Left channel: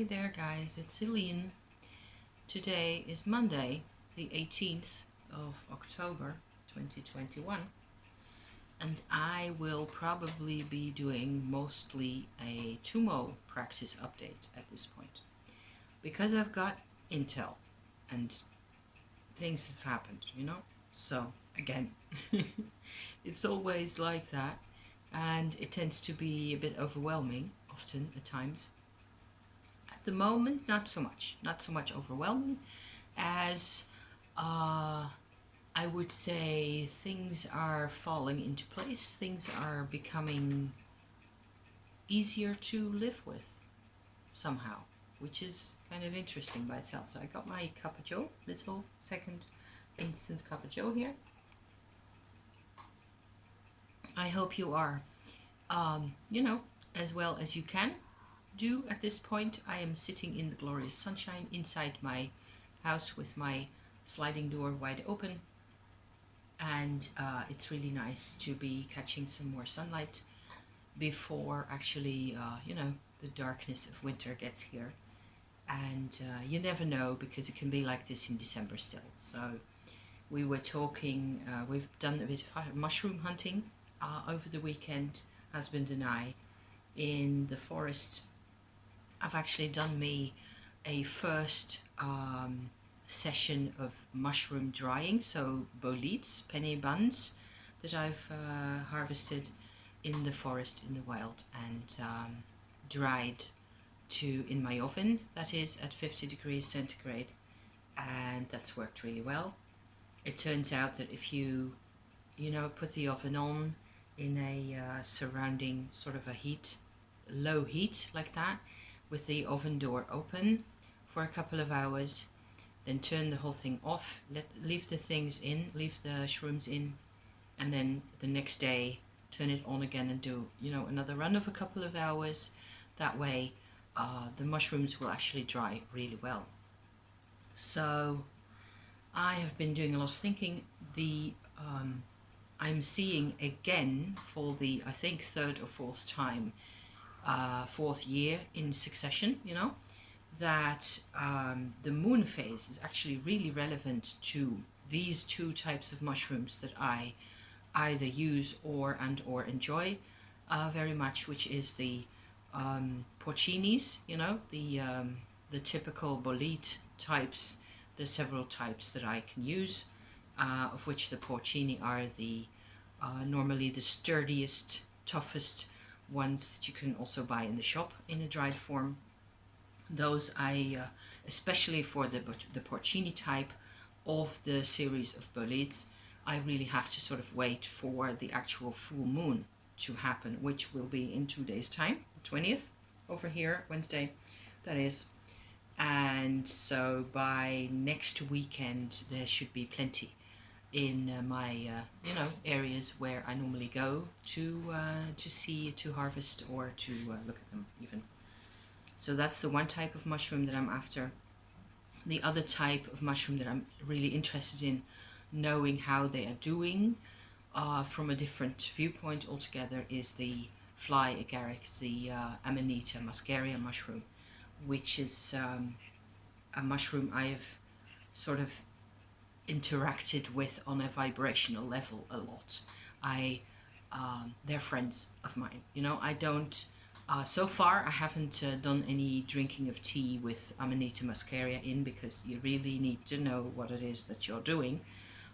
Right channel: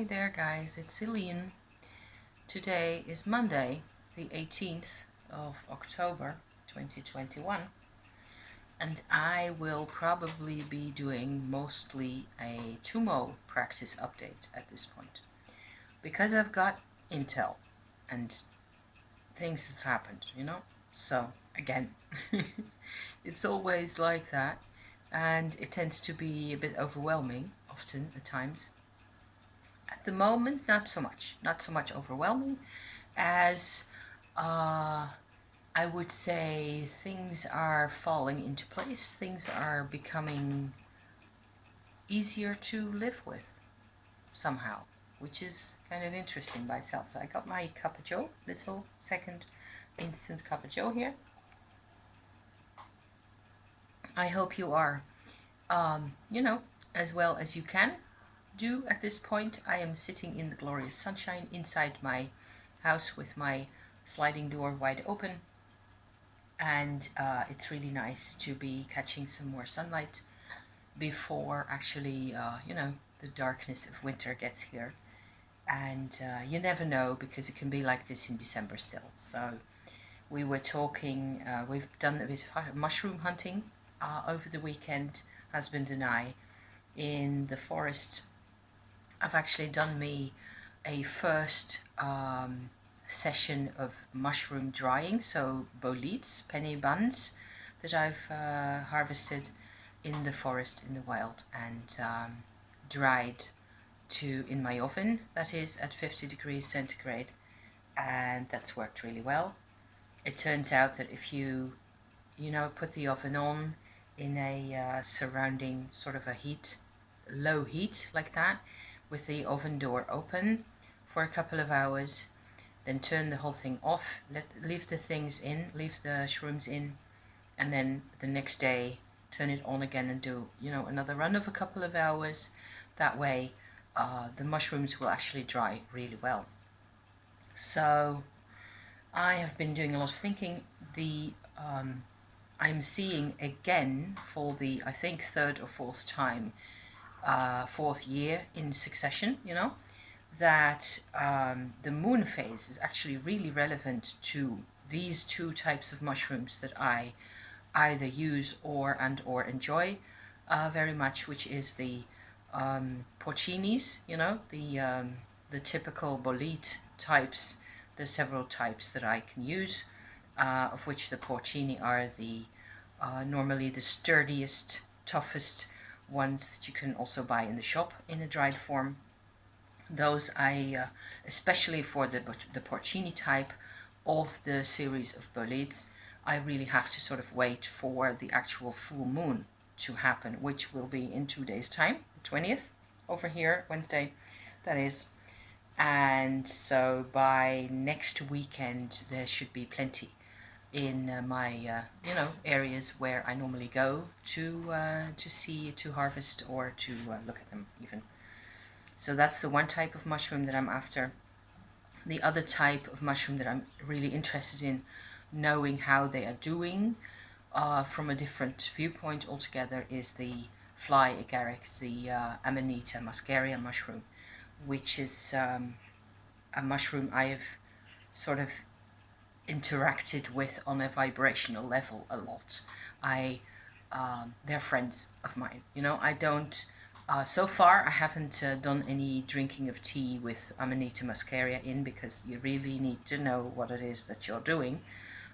Hi there guys, it's Celine. Today is Monday, the 18th of October 2021, and I will probably be doing mostly a Tummo practice update at this point, because I've got intel and things have happened, So again, it's always like that, and it tends to be a bit overwhelming often at times. At the moment, not so much overwhelming as I would say things are falling into place, things are becoming easier to live with somehow, which is kind of interesting by itself. So I got my cup of joe, little second instant cup of joe here. I hope you are, as well as you can do at this point. I am sitting in the glorious sunshine inside my house with my sliding door wide open, and it's really nice to be catching some more sunlight before actually the darkness of winter gets here. And you never know, because it can be like this in December still. So we were talking, we've done a bit of mushroom hunting over the weekend, husband and I, in the forest. I've actually done me a first session of mushroom drying, so boletes, penny buns, that I've harvested in the forest in the wild and dried in my oven, that is at 50 degrees centigrade, and that's worked really well. It turns out that if you put the oven on in a surrounding sort of a low heat like that, with the oven door open for a couple of hours, then turn the whole thing off, leave the shrooms in, and then the next day turn it on again and do another run of a couple of hours. That way the mushrooms will actually dry really well. So I have been doing a lot of thinking. I'm seeing again for the, I think, third or fourth time, fourth year in succession, that the moon phase is actually really relevant to these two types of mushrooms that I either use or enjoy very much, which is the porcinis, the typical bolete types. There's several types that I can use, of which the porcini are the normally the sturdiest, toughest ones that you can also buy in the shop in a dried form. Those I, especially for the porcini type of the series of boletes, I really have to sort of wait for the actual full moon to happen, which will be in 2 days' time, the 20th, over here, Wednesday, that is. And so by next weekend, there should be plenty in my areas where I normally go to harvest or to look at them even. So that's the one type of mushroom that I'm after. The other type of mushroom that I'm really interested in knowing how they are doing from a different viewpoint altogether is the fly agaric, the Amanita muscaria mushroom, which is a mushroom I have sort of interacted with on a vibrational level a lot. They're friends of mine. I don't, so far I haven't done any drinking of tea with Amanita muscaria in, because you really need to know what it is that you're doing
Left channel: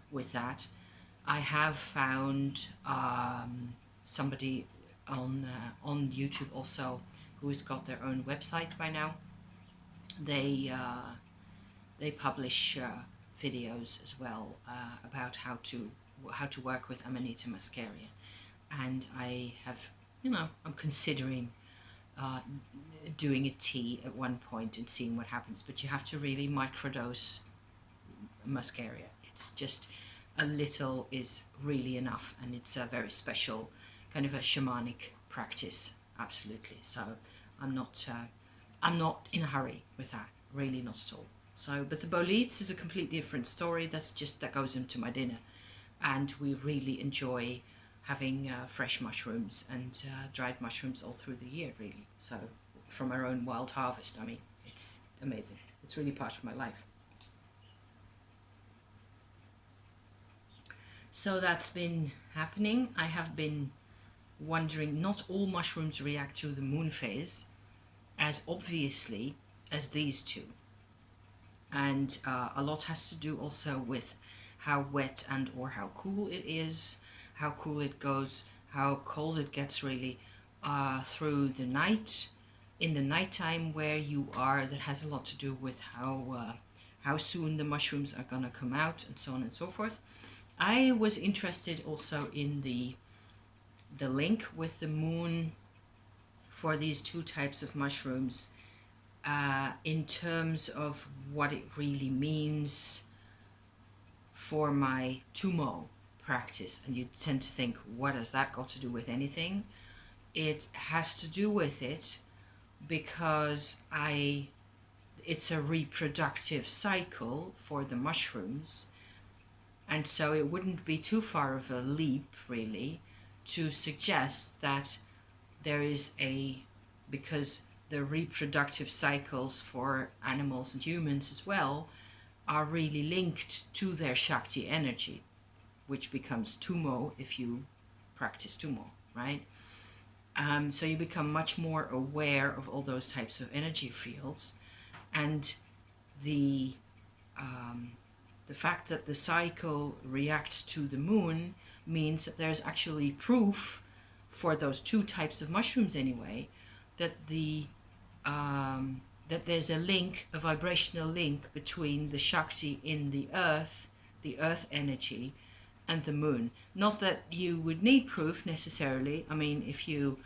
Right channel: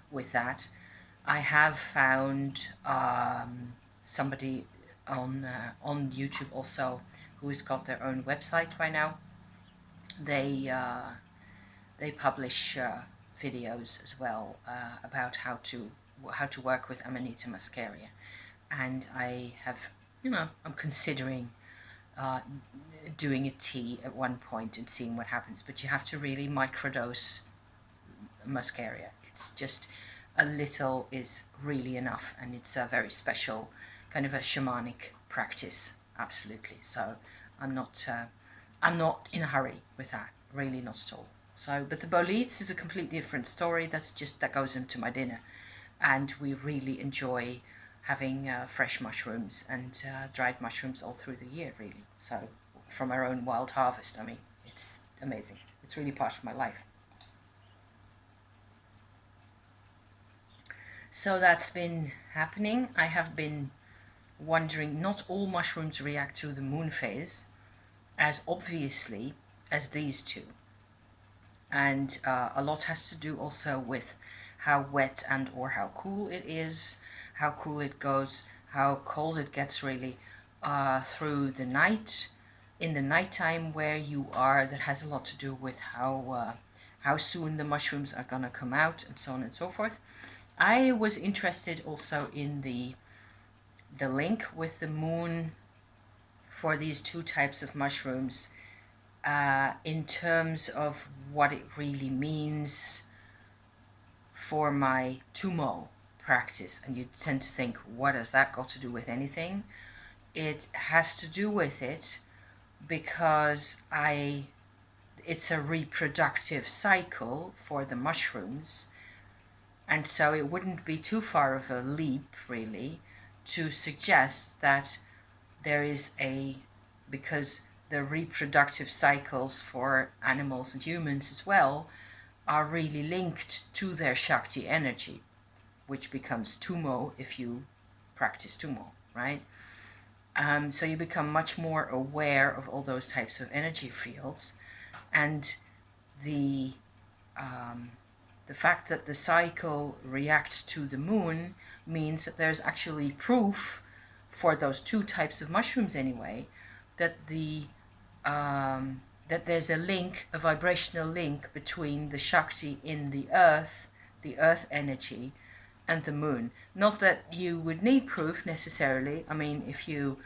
with that. I have found somebody on YouTube also who's got their own website by now. They publish videos as well about how to work with Amanita muscaria, and I have I'm considering doing a tea at one point and seeing what happens. But you have to really microdose muscaria. It's just a little is really enough, and it's a very special kind of a shamanic practice, absolutely. So I'm not in a hurry with that, really, not at all. So, but the boletes is a completely different story. That goes into my dinner, and we really enjoy having fresh mushrooms and dried mushrooms all through the year, really. So from our own wild harvest, I mean, It's amazing. It's really part of my life. So that's been happening. I have been wondering, not all mushrooms react to the moon phase as obviously as these two. And a lot has to do also with how wet and or how cool it is, how cool it goes, how cold it gets really through the night, in the nighttime where you are. That has a lot to do with how soon the mushrooms are gonna come out, and so on and so forth. I was interested also in the link with the moon for these two types of mushrooms, in terms of what it really means for my Tummo practice. And you tend to think, what has that got to do with anything? It has to do with it because it's a reproductive cycle for the mushrooms, and so it wouldn't be too far of a leap really to suggest that there is because the reproductive cycles for animals and humans as well are really linked to their Shakti energy, which becomes Tummo if you practice Tummo, right? So you become much more aware of all those types of energy fields, and the fact that the cycle reacts to the moon means that there's actually proof for those two types of mushrooms anyway, that that there's a link, a vibrational link between the Shakti in the earth energy, and the moon. Not that you would need proof necessarily. I mean, if you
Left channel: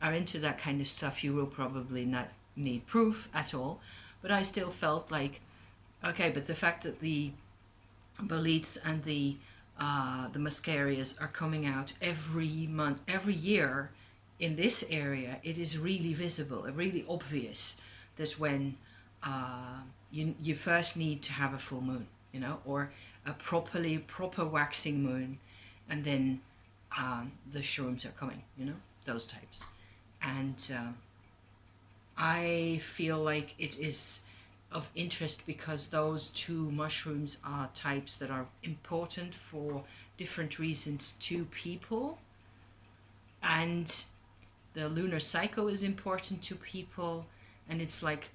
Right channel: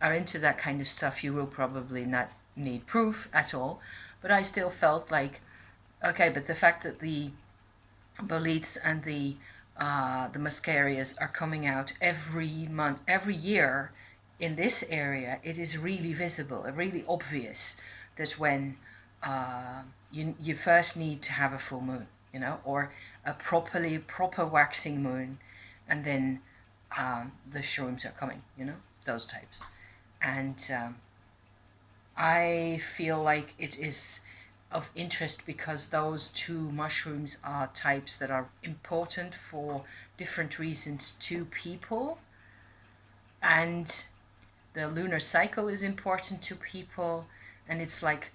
are into that kind of stuff, you will probably not need proof at all. But I still felt like, okay, but the fact that the boletes and the muscarias are coming out every month, every year in this area, it is really visible, really obvious that when you first need to have a full moon, or a proper waxing moon, and then the shrooms are coming, those types. And I feel like it is of interest because those two mushrooms are types that are important for different reasons to people, and the lunar cycle is important to people. And it's like,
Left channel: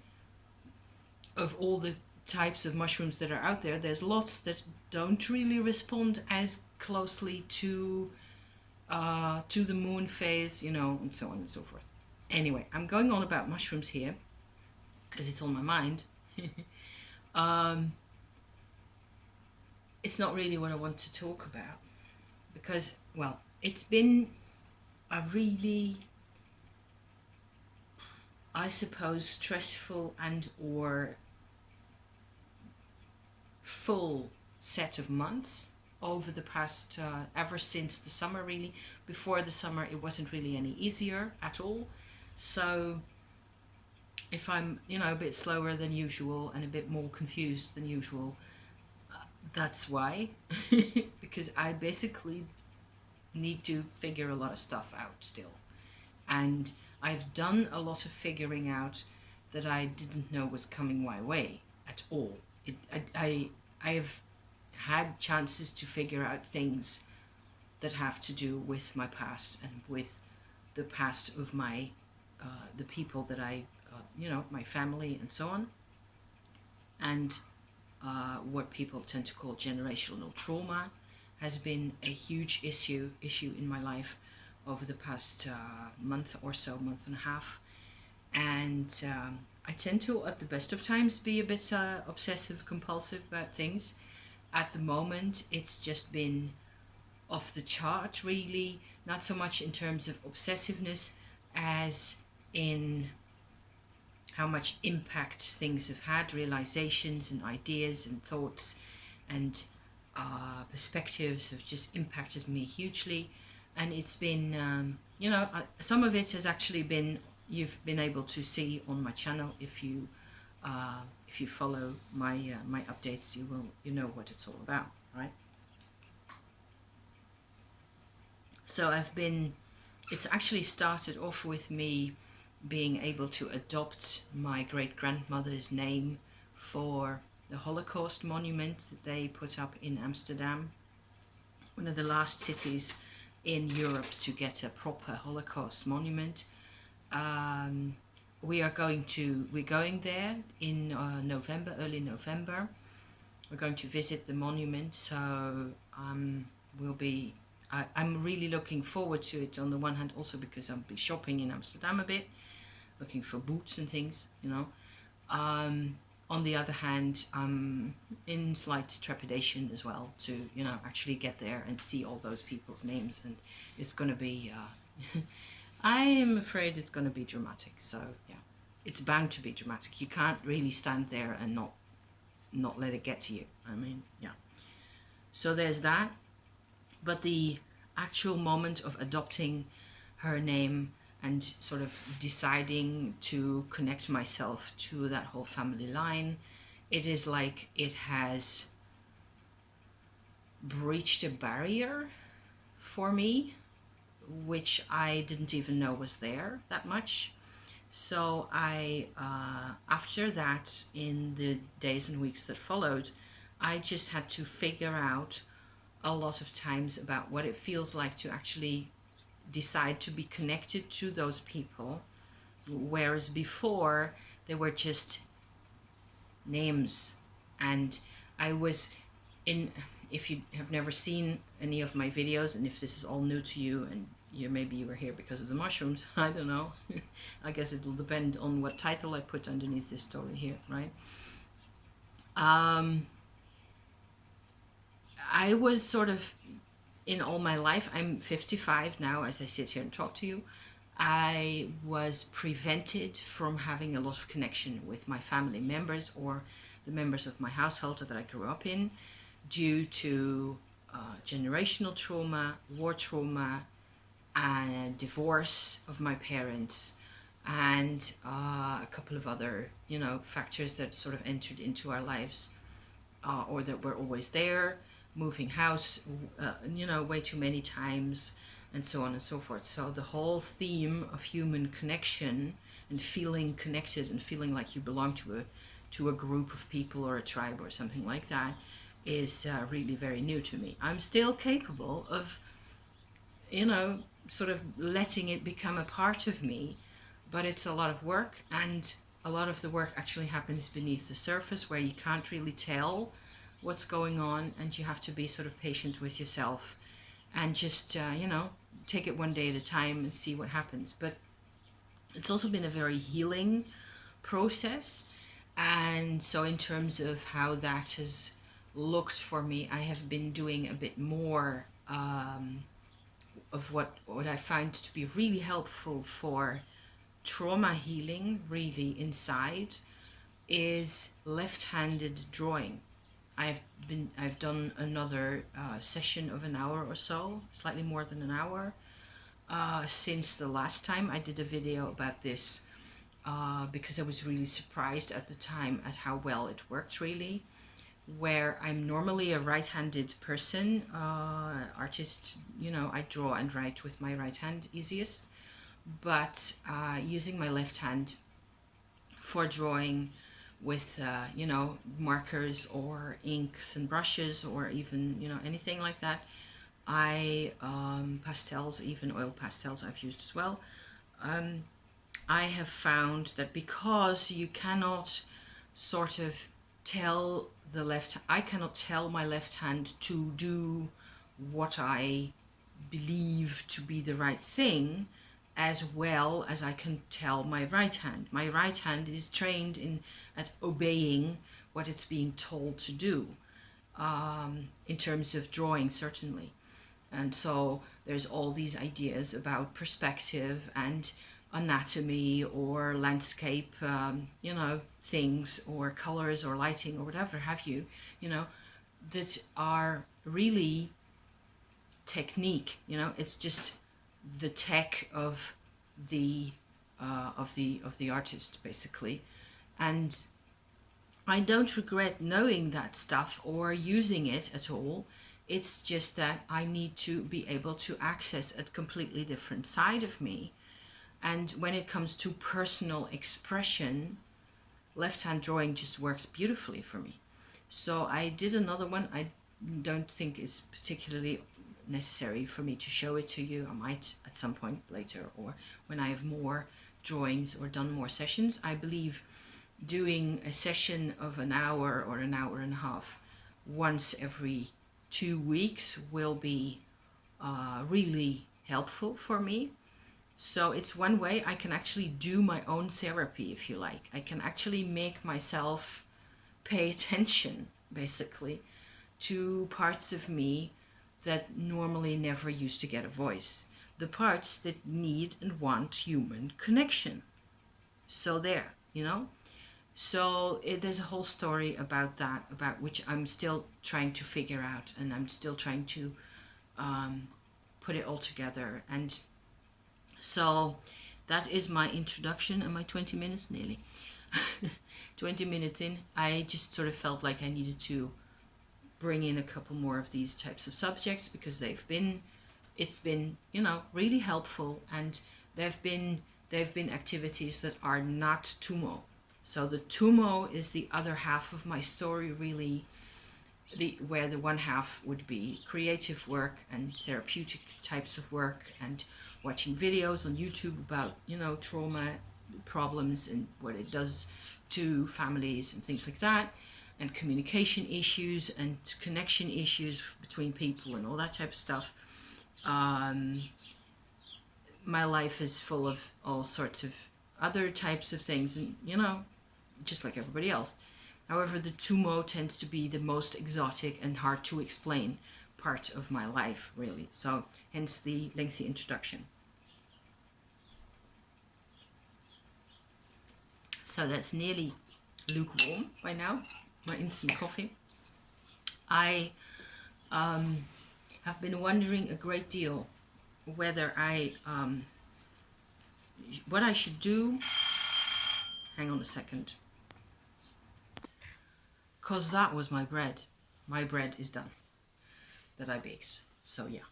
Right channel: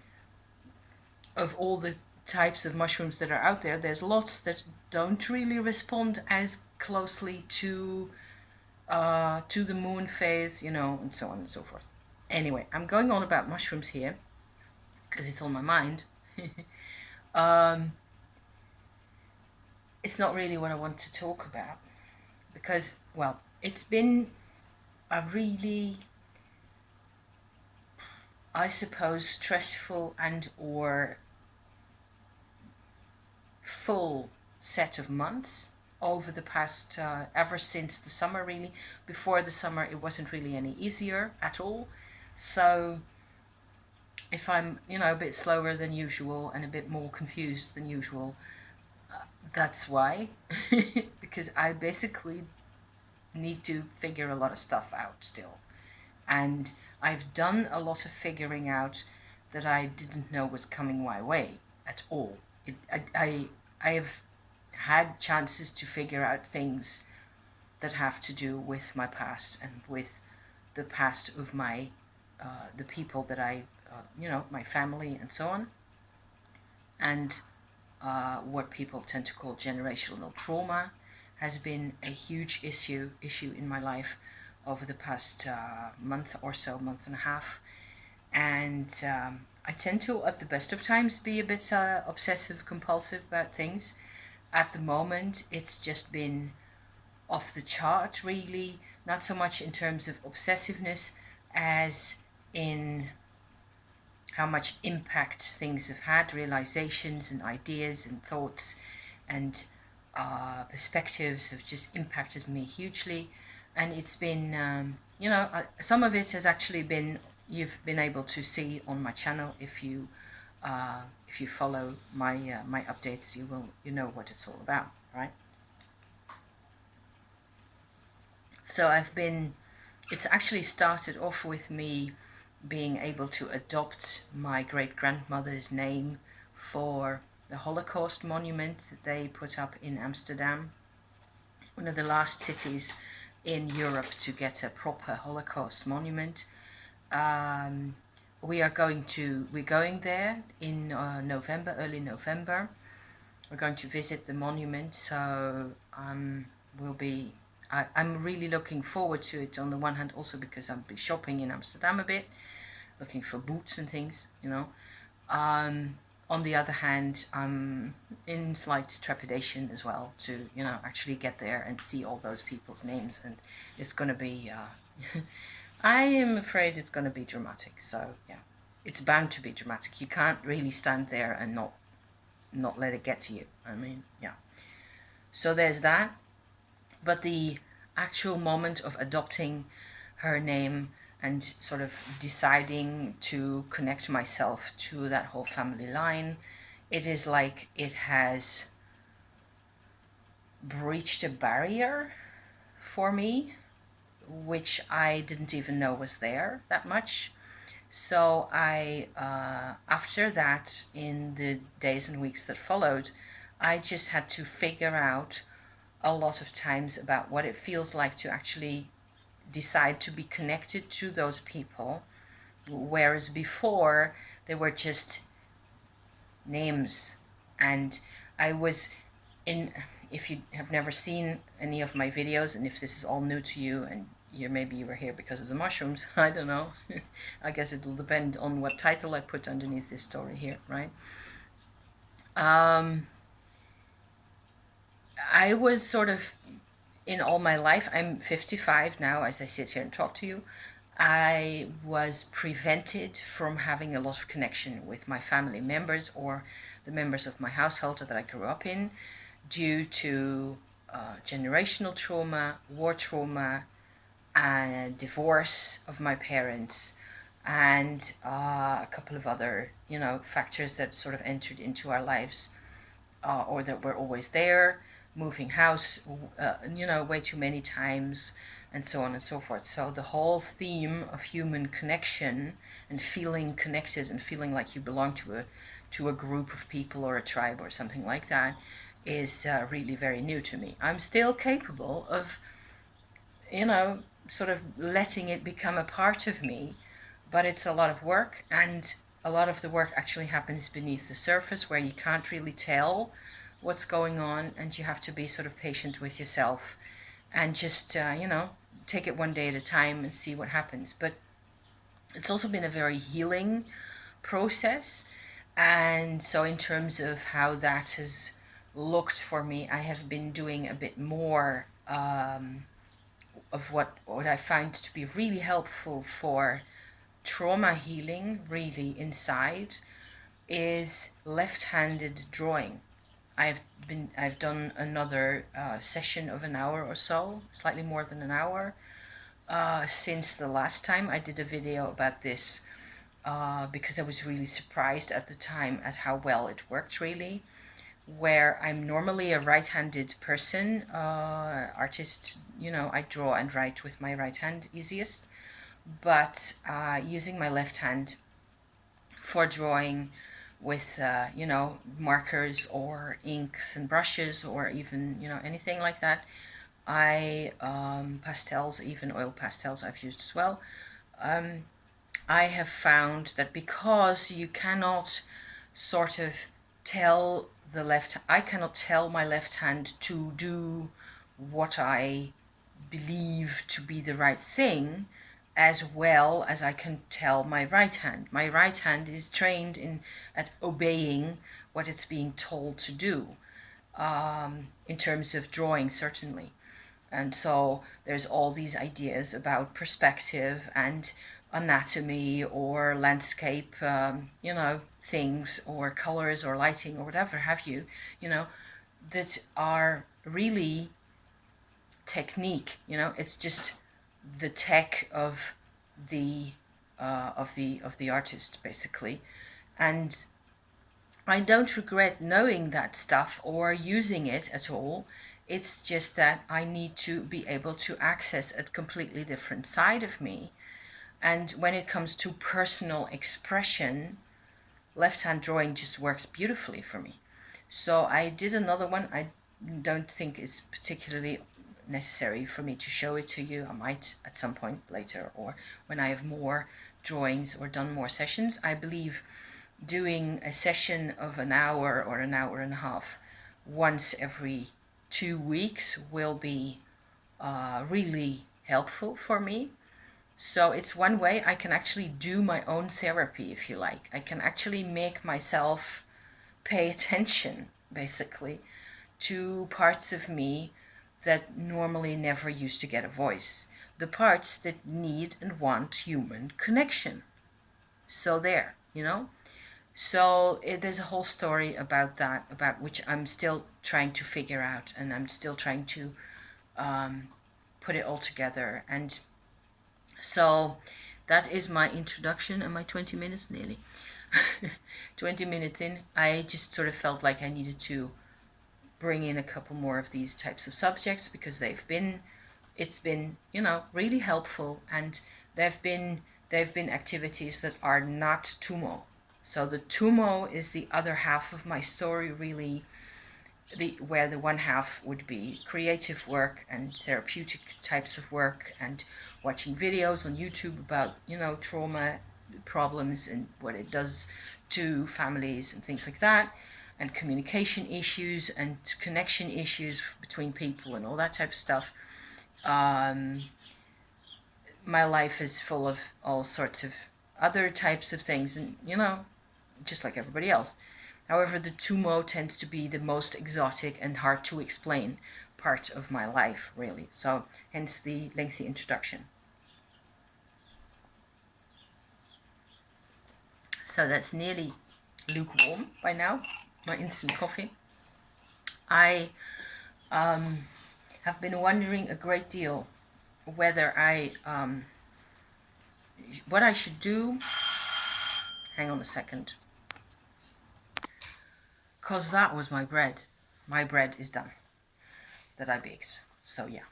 of all the types of mushrooms that are out there, there's lots that don't really respond as closely to the moon phase, and so on and so forth. Anyway, I'm going on about mushrooms here because it's on my mind. It's not really what I want to talk about because, well, it's been a really, I suppose, stressful and or full set of months over the past, ever since the summer really. Before the summer it wasn't really any easier at all. So if I'm, a bit slower than usual and a bit more confused than usual, that's why. Because I basically need to figure a lot of stuff out still. And I've done a lot of figuring out that I didn't know was coming my way at all. I have had chances to figure out things that have to do with my past and with the past of my the people that I my family and so on, and what people tend to call generational trauma has been a huge issue in my life over the past month or so, month and a half. And I tend to, at the best of times, be a bit obsessive compulsive about things. At the moment it's just been off the chart really, not so much in terms of obsessiveness as in how much impact things have had, realizations and ideas and thoughts and perspectives have just impacted me hugely. And it's been, some of it has actually been, you've been able to see on my channel. If you follow my my updates, you know what it's all about, right? So it's actually started off with me being able to adopt my great-grandmother's name for the Holocaust monument that they put up in Amsterdam, one of the last cities in Europe to get a proper Holocaust monument. We're going there in November, early November. We're going to visit the monument, so I'm really looking forward to it. On the one hand, also because I'll be shopping in Amsterdam a bit, looking for boots and things, you know. On the other hand, I'm in slight trepidation as well to, you know, actually get there and see all those people's names, and it's going to be, I am afraid it's going to be dramatic. So yeah, it's bound to be dramatic. You can't really stand there and not let it get to you. I mean, yeah. So there's that. But the actual moment of adopting her name and sort of deciding to connect myself to that whole family line, it is like it has breached a barrier for me, which I didn't even know was there that much. So I, after that, in the days and weeks that followed, I just had to figure out a lot of times about what it feels like to actually decide to be connected to those people, whereas before they were just names. And I was in, if you have never seen any of my videos, and if this is all new to you and maybe you were here because of the mushrooms, I don't know. I guess it will depend on what title I put underneath this story here, right? I was sort of, in all my life, I'm 55 now as I sit here and talk to you, I was prevented from having a lot of connection with my family members or the members of my household that I grew up in due to generational trauma, war trauma, and divorce of my parents, and a couple of other, you know, factors that sort of entered into our lives, or that were always there, moving house, you know, way too many times, and so on and so forth. So the whole theme of human connection and feeling connected and feeling like you belong to a group of people or a tribe or something like that is really very new to me. I'm still capable of, you know, sort of letting it become a part of me, but it's a lot of work, and a lot of the work actually happens beneath the surface where you can't really tell what's going on, and you have to be sort of patient with yourself and just, you know, take it one day at a time and see what happens. But it's also been a very healing process. And so in terms of how that has looked for me, I have been doing a bit more of what I find to be really helpful for trauma healing, really inside, is left-handed drawing. I've done another session of an hour or so, slightly more than an hour, since the last time I did a video about this, because I was really surprised at the time at how well it worked, really. Where I'm normally a right-handed person, artist, you know, I draw and write with my right hand easiest, but using my left hand for drawing with, you know, markers or inks and brushes or even, you know, anything like that. Pastels, even oil pastels I've used as well. I have found that because you cannot sort of tell I cannot tell my left hand to do what I believe to be the right thing as well as I can tell my right hand. My right hand is trained at obeying what it's being told to do, in terms of drawing, certainly. And so there's all these ideas about perspective and anatomy or landscape, you know, things or colors or lighting or whatever have you, you know, that are really technique. You know, it's just the tech of the artist, basically. And I don't regret knowing that stuff or using it at all. It's just that I need to be able to access a completely different side of me, And when it comes to personal expression, left-hand drawing just works beautifully for me. So I did another one. I don't think it's particularly necessary for me to show it to you. I might at some point later, or when I have more drawings or done more sessions. I believe doing a session of an hour or an hour and a half once every 2 weeks will be really helpful for me. So it's one way I can actually do my own therapy, if you like. I can actually make myself pay attention, basically, to parts of me that normally never used to get a voice. The parts that need and want human connection. So there, So there's a whole story about that, about which I'm still trying to figure out, and I'm still trying to put it all together. And so that is my introduction. Am I 20 minutes? Nearly. 20 minutes in, I just sort of felt like I needed to bring in a couple more of these types of subjects, because it's been really helpful, and they've been activities that are not Tummo. So the Tummo is the other half of my story, really, where the one half would be creative work and therapeutic types of work, and watching videos on YouTube about trauma problems and what it does to families and things like that, and communication issues and connection issues between people and all that type of stuff. My life is full of all sorts of other types of things, and just like everybody else. However, the Tummo tends to be the most exotic and hard to explain part of my life, really. So hence the lengthy introduction. So that's nearly lukewarm by now, my instant coffee. I have been wondering a great deal whether what I should do. Hang on a second. Because that was my bread. My bread is done that I baked. So yeah.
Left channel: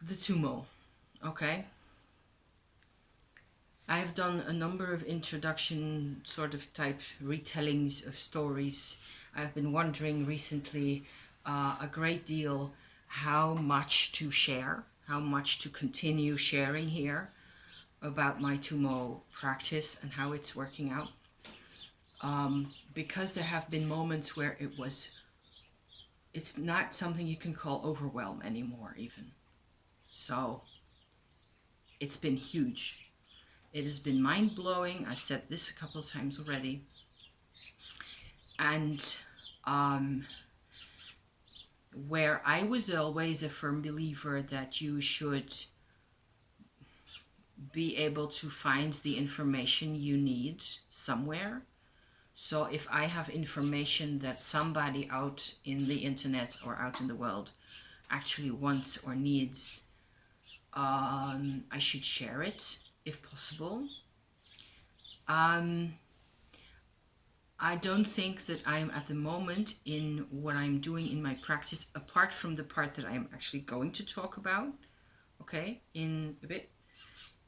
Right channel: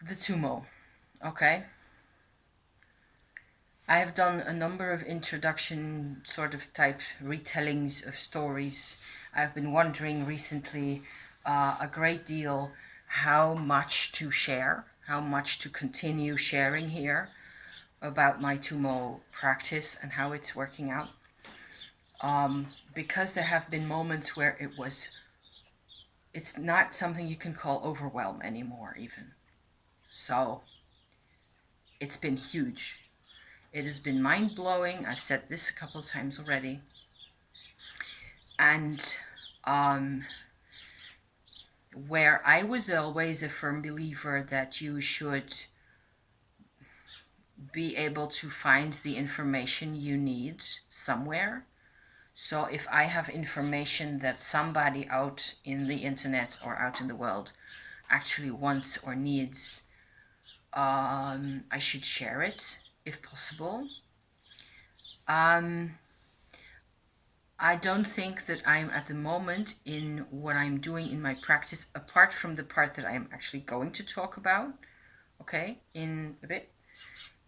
The Tummo. Okay. I have done a number of introduction sort of type retellings of stories. I've been wondering recently a great deal how much to share, how much to continue sharing here about my Tummo practice and how it's working out. Because there have been moments where it's not something you can call overwhelm anymore even. So it's been huge. It has been mind-blowing. I've said this a couple of times already. And where I was always a firm believer that you should be able to find the information you need somewhere. So if I have information that somebody out in the internet or out in the world actually wants or needs, I should share it if possible. I don't think that I'm at the moment in what I'm doing in my practice, apart from the part that I am actually going to talk about, okay, in a bit.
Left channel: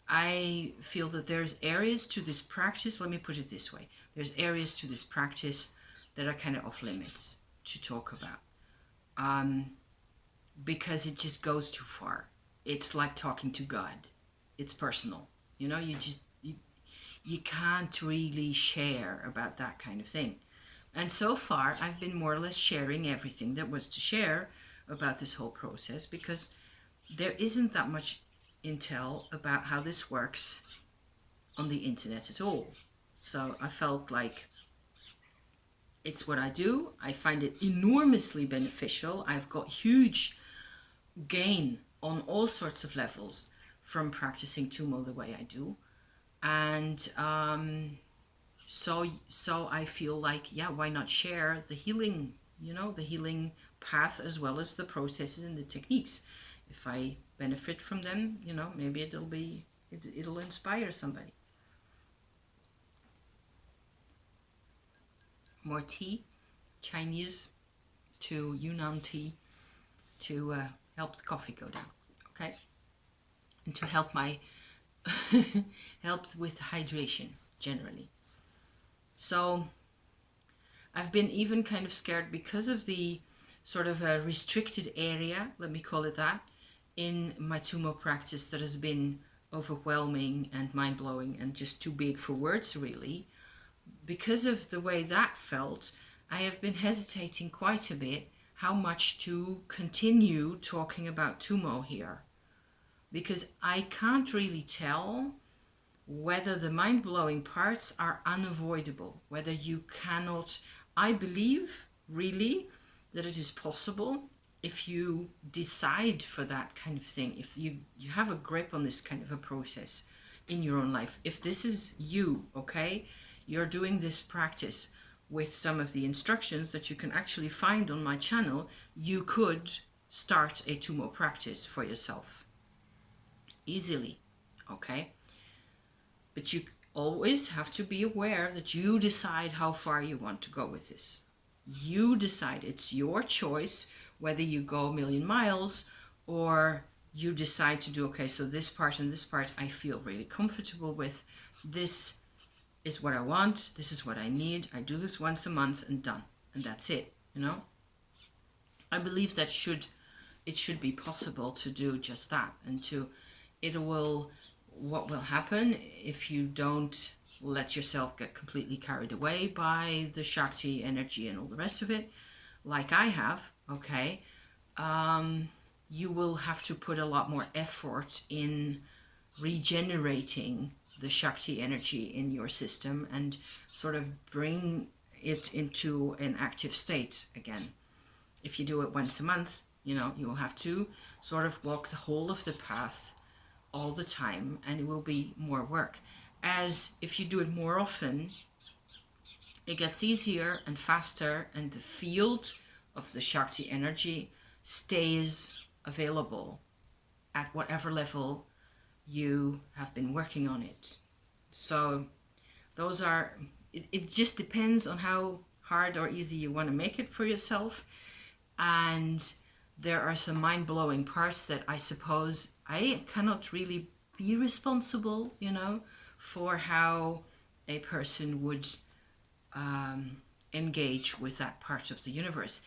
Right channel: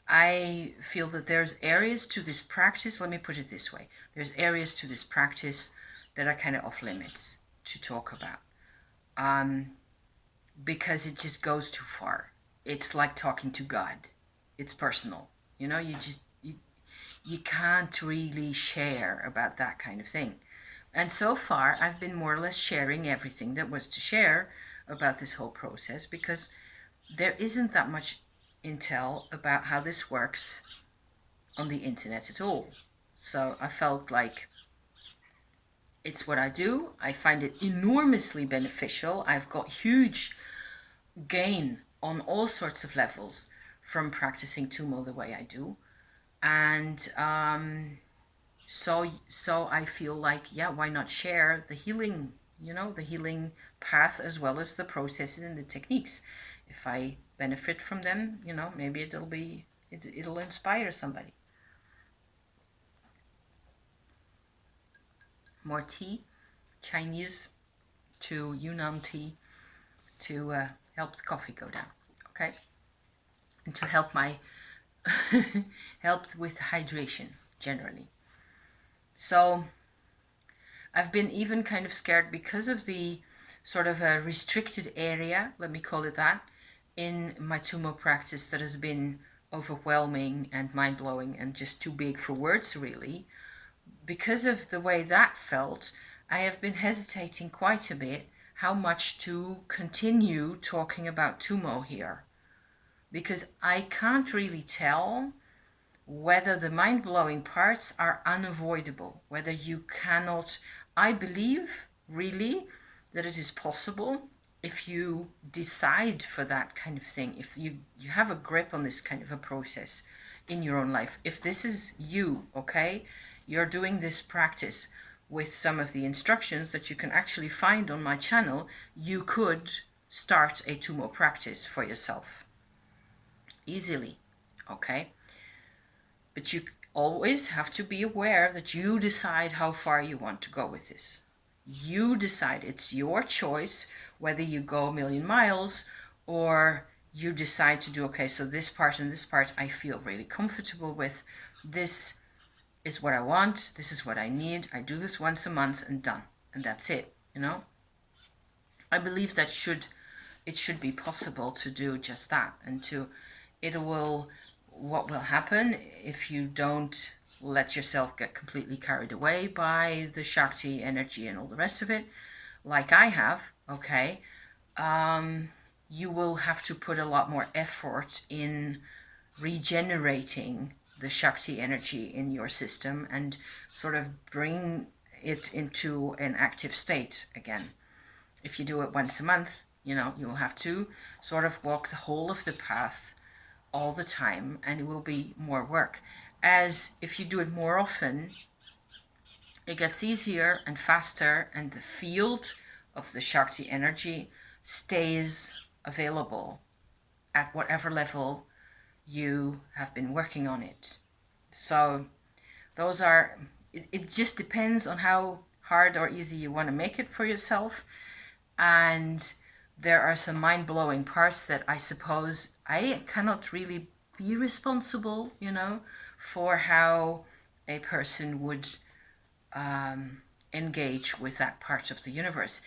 I feel that there's areas to this practice, let me put it this way, there's areas to this practice that are kind of off limits to talk about, because it just goes too far. It's like talking to God. It's personal. You can't really share about that kind of thing. And so far, I've been more or less sharing everything that was to share about this whole process, because there isn't that much intel about how this works on the internet at all. So I felt like it's what I do. I find it enormously beneficial. I've got huge gain on all sorts of levels from practicing Tummo the way I do. And so I feel like, yeah, why not share the healing, the healing path, as well as the processes and the techniques. If I benefit from them, maybe it'll inspire somebody. More tea, Chinese to Yunnan tea, to help the coffee go down. Okay. and to help my help with hydration generally. So I've been even kind of scared because of the sort of a restricted area, let me call it that, in my Tummo practice that has been overwhelming and mind-blowing and just too big for words, really. Because of the way that felt, I have been hesitating quite a bit how much to continue talking about Tummo here. Because I can't really tell whether the mind-blowing parts are unavoidable, whether you cannot. I believe, really, that it is possible if you decide for that kind of thing, if you have a grip on this kind of a process in your own life. If this is you, okay, you're doing this practice with some of the instructions that you can actually find on my channel, you could start a Tummo practice for yourself easily, okay? But you always have to be aware that you decide how far you want to go with this. You decide. It's your choice whether you go a million miles or you decide to do, okay, so this part and this part I feel really comfortable with. This is what I want. This is what I need. I do this once a month and done. And that's it, you know? I believe that it should be possible to do just that. And what will happen if you don't let yourself get completely carried away by the Shakti energy and all the rest of it, like I have, okay, you will have to put a lot more effort in regenerating the Shakti energy in your system and sort of bring it into an active state again. If you do it once a month, you know, you will have to sort of walk the whole of the path all the time, and it will be more work. As if you do it more often, it gets easier and faster, and the field of the Shakti energy stays available at whatever level you have been working on it. So those are, it just depends on how hard or easy you want to make it for yourself. And there are some mind-blowing parts that I suppose I cannot really be responsible, you know, for how a person would engage with that part of the universe.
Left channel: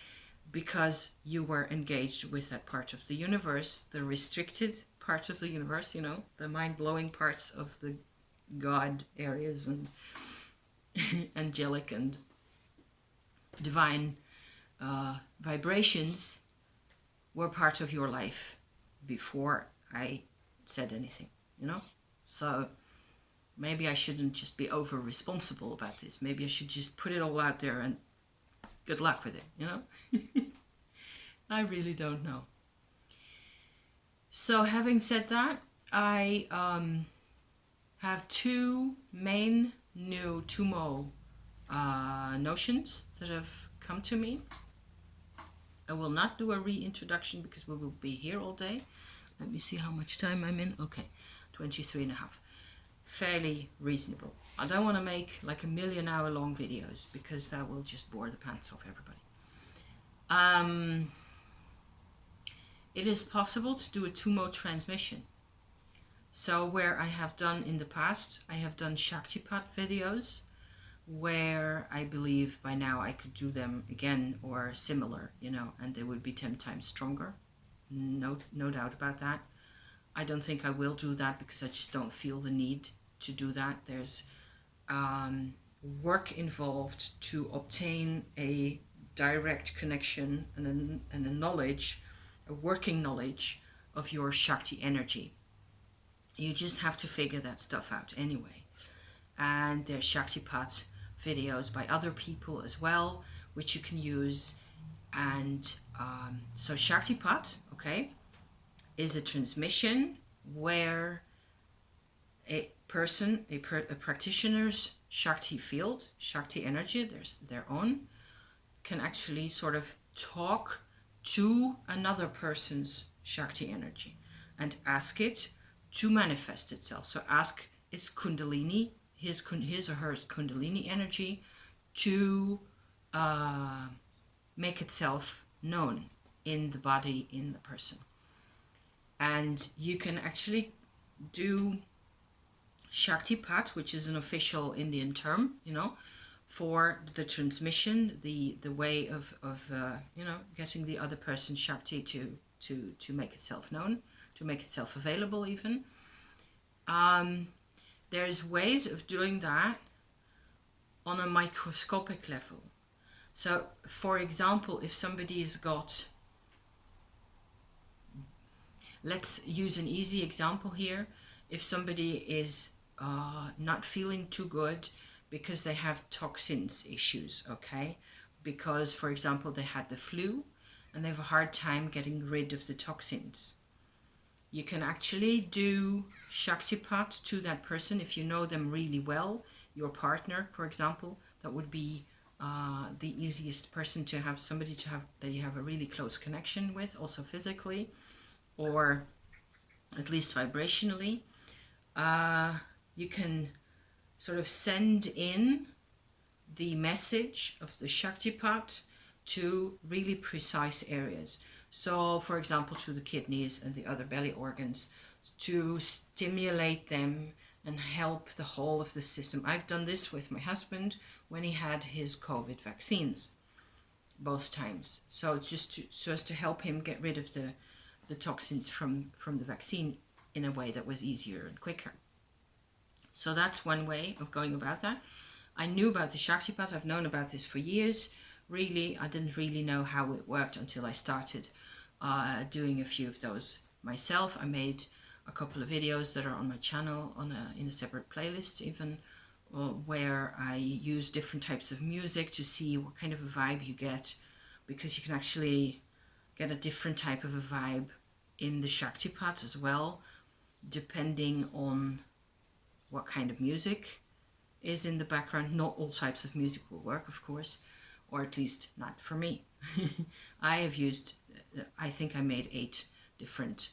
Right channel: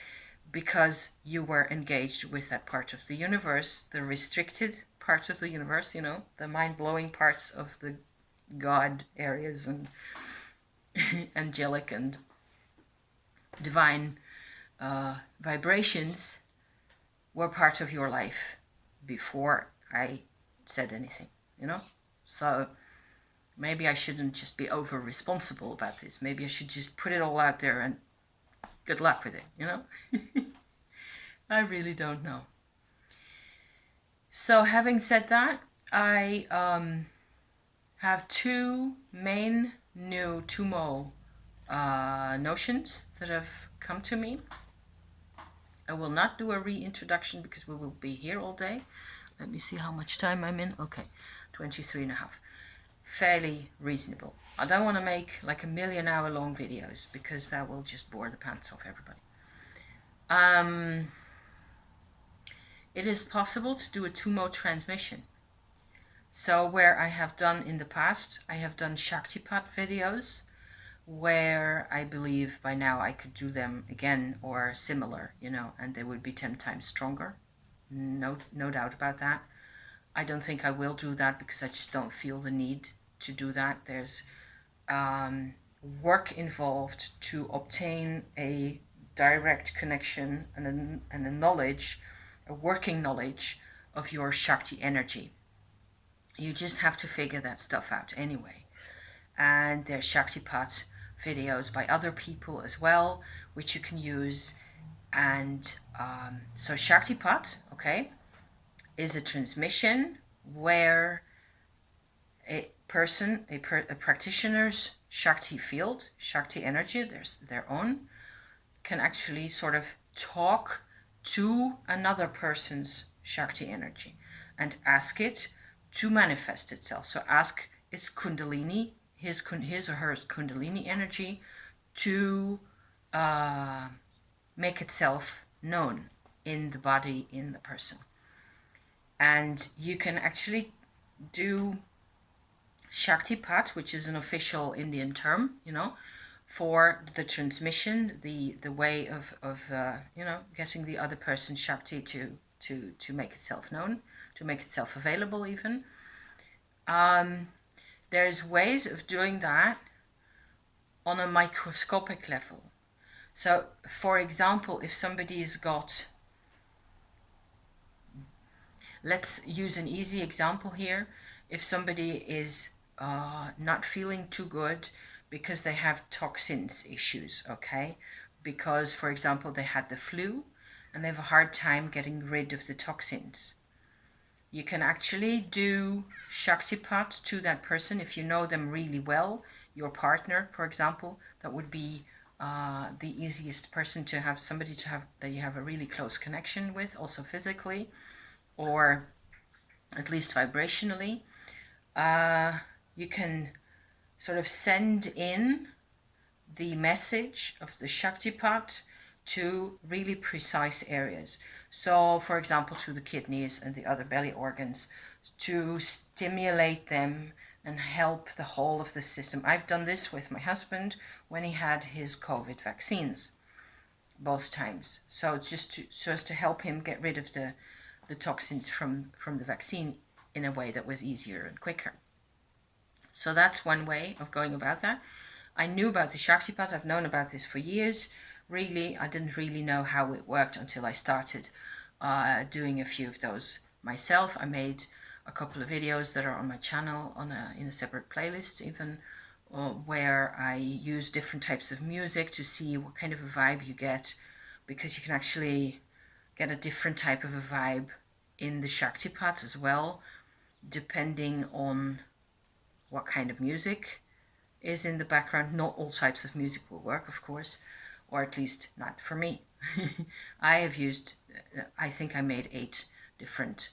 Because you were engaged with that part of the universe, the restricted part of the universe, you know, the mind-blowing parts of the God areas and angelic and divine vibrations were part of your life before I said anything, you know? So maybe I shouldn't just be over responsible about this. Maybe I should just put it all out there and good luck with it, you know? I really don't know. So having said that, I have two main new Tummo notions that have come to me. I will not do a reintroduction because we will be here all day. Let me see how much time I'm in. Okay, 23 and a half. Fairly reasonable. I don't want to make like a 1,000,000-hour long videos because that will just bore the pants off everybody. It is possible to do a Tummo transmission. So where I have done in the past, I have done Shaktipat videos where I believe by now I could do them again or similar, you know, and they would be 10 times stronger. No doubt about that. I don't think I will do that because I just don't feel the need to do that. There's work involved to obtain a direct connection and a knowledge, a working knowledge of your Shakti energy. You just have to figure that stuff out anyway. And there's Shaktipat videos by other people as well, which you can use. And so Shaktipat, okay, is a transmission where a person, a practitioner's Shakti field, Shakti energy, their own, can actually sort of talk to another person's Shakti energy and ask it to manifest itself. So ask its Kundalini, his or her Kundalini energy to make itself known in the body, in the person. And you can actually do Shaktipat, which is an official Indian term, for the transmission, the way of getting the other person's Shakti to make itself known, to make itself available even. There's ways of doing that on a microscopic level. So, for example, if somebody has got, let's use an easy example here. If somebody is not feeling too good because they have toxins issues, okay? Because, for example, they had the flu and they have a hard time getting rid of the toxins. You can actually do Shaktipat to that person if you know them really well. Your partner, for example, that would be the easiest person to have, somebody to have that you have a really close connection with, also physically, or at least vibrationally. You can sort of send in the message of the Shaktipat to really precise areas. So, for example, to the kidneys and the other belly organs, to stimulate them and help the whole of the system. I've done this with my husband when he had his COVID vaccines, both times. So it's just so as to help him get rid of the toxins from the vaccine in a way that was easier and quicker. So that's one way of going about that. I knew about the Shaktipat. I've known about this for years. Really, I didn't really know how it worked until I started doing a few of those myself. I made a couple of videos that are on my channel in a separate playlist even, where I use different types of music to see what kind of a vibe you get, because you can actually get a different type of a vibe in the Shaktipat as well, depending on what kind of music is in the background. Not all types of music will work, of course, or at least not for me. I have used, I think I made 8 different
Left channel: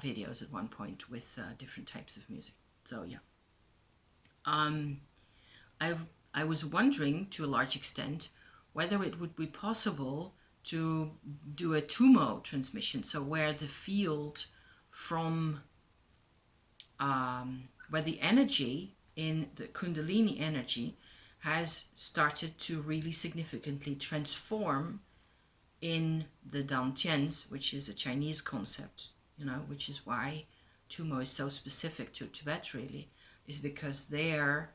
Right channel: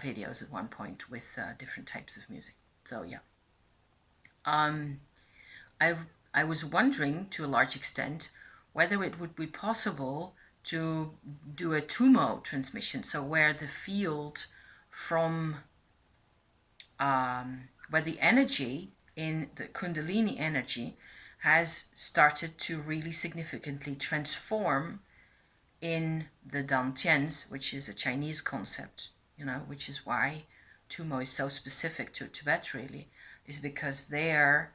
videos at one point with different types of music. So yeah. I was wondering to a large extent whether it would be possible to do a Tummo transmission, so where the field from where the energy in the Kundalini energy has started to really significantly transform in the Dantians, which is a Chinese concept, which is why Tummo is so specific to Tibet, really, is because they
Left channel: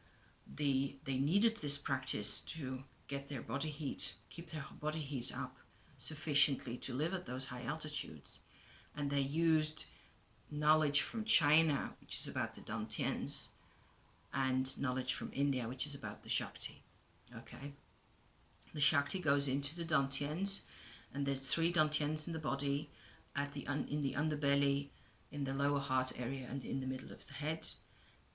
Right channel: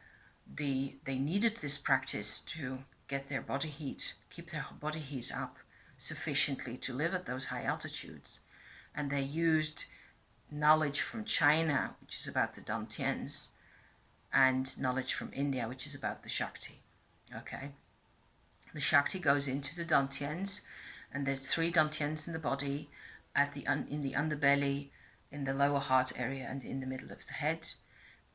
needed this practice to get their body heat, keep their body heat up sufficiently to live at those high altitudes. And they used knowledge from China, which is about the Dantians, and knowledge from India, which is about the Shakti. Okay, the Shakti goes into the Dantians, and there's 3 Dantians in the body, in the underbelly, in the lower heart area, and in the middle of the head,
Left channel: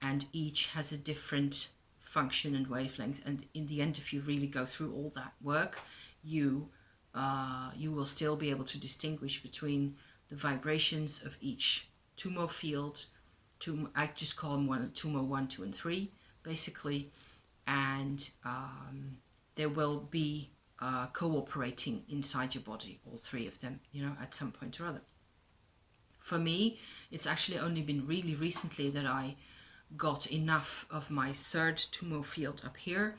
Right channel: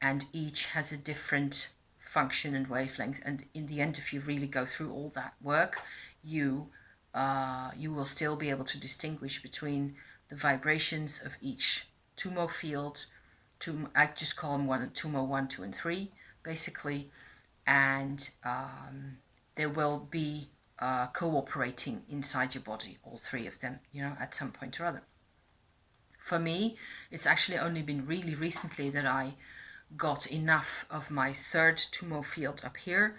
and each has a different function and wavelength. And in the end, if you really go through all that work, you will still be able to distinguish between the vibrations of each Tummo field. I just call them Tummo 1, 2, and 3, basically, and there will be cooperating inside your body, all 3 of them, at some point or other. For me, it's actually only been really recently that I got enough of my 3rd Tummo field up here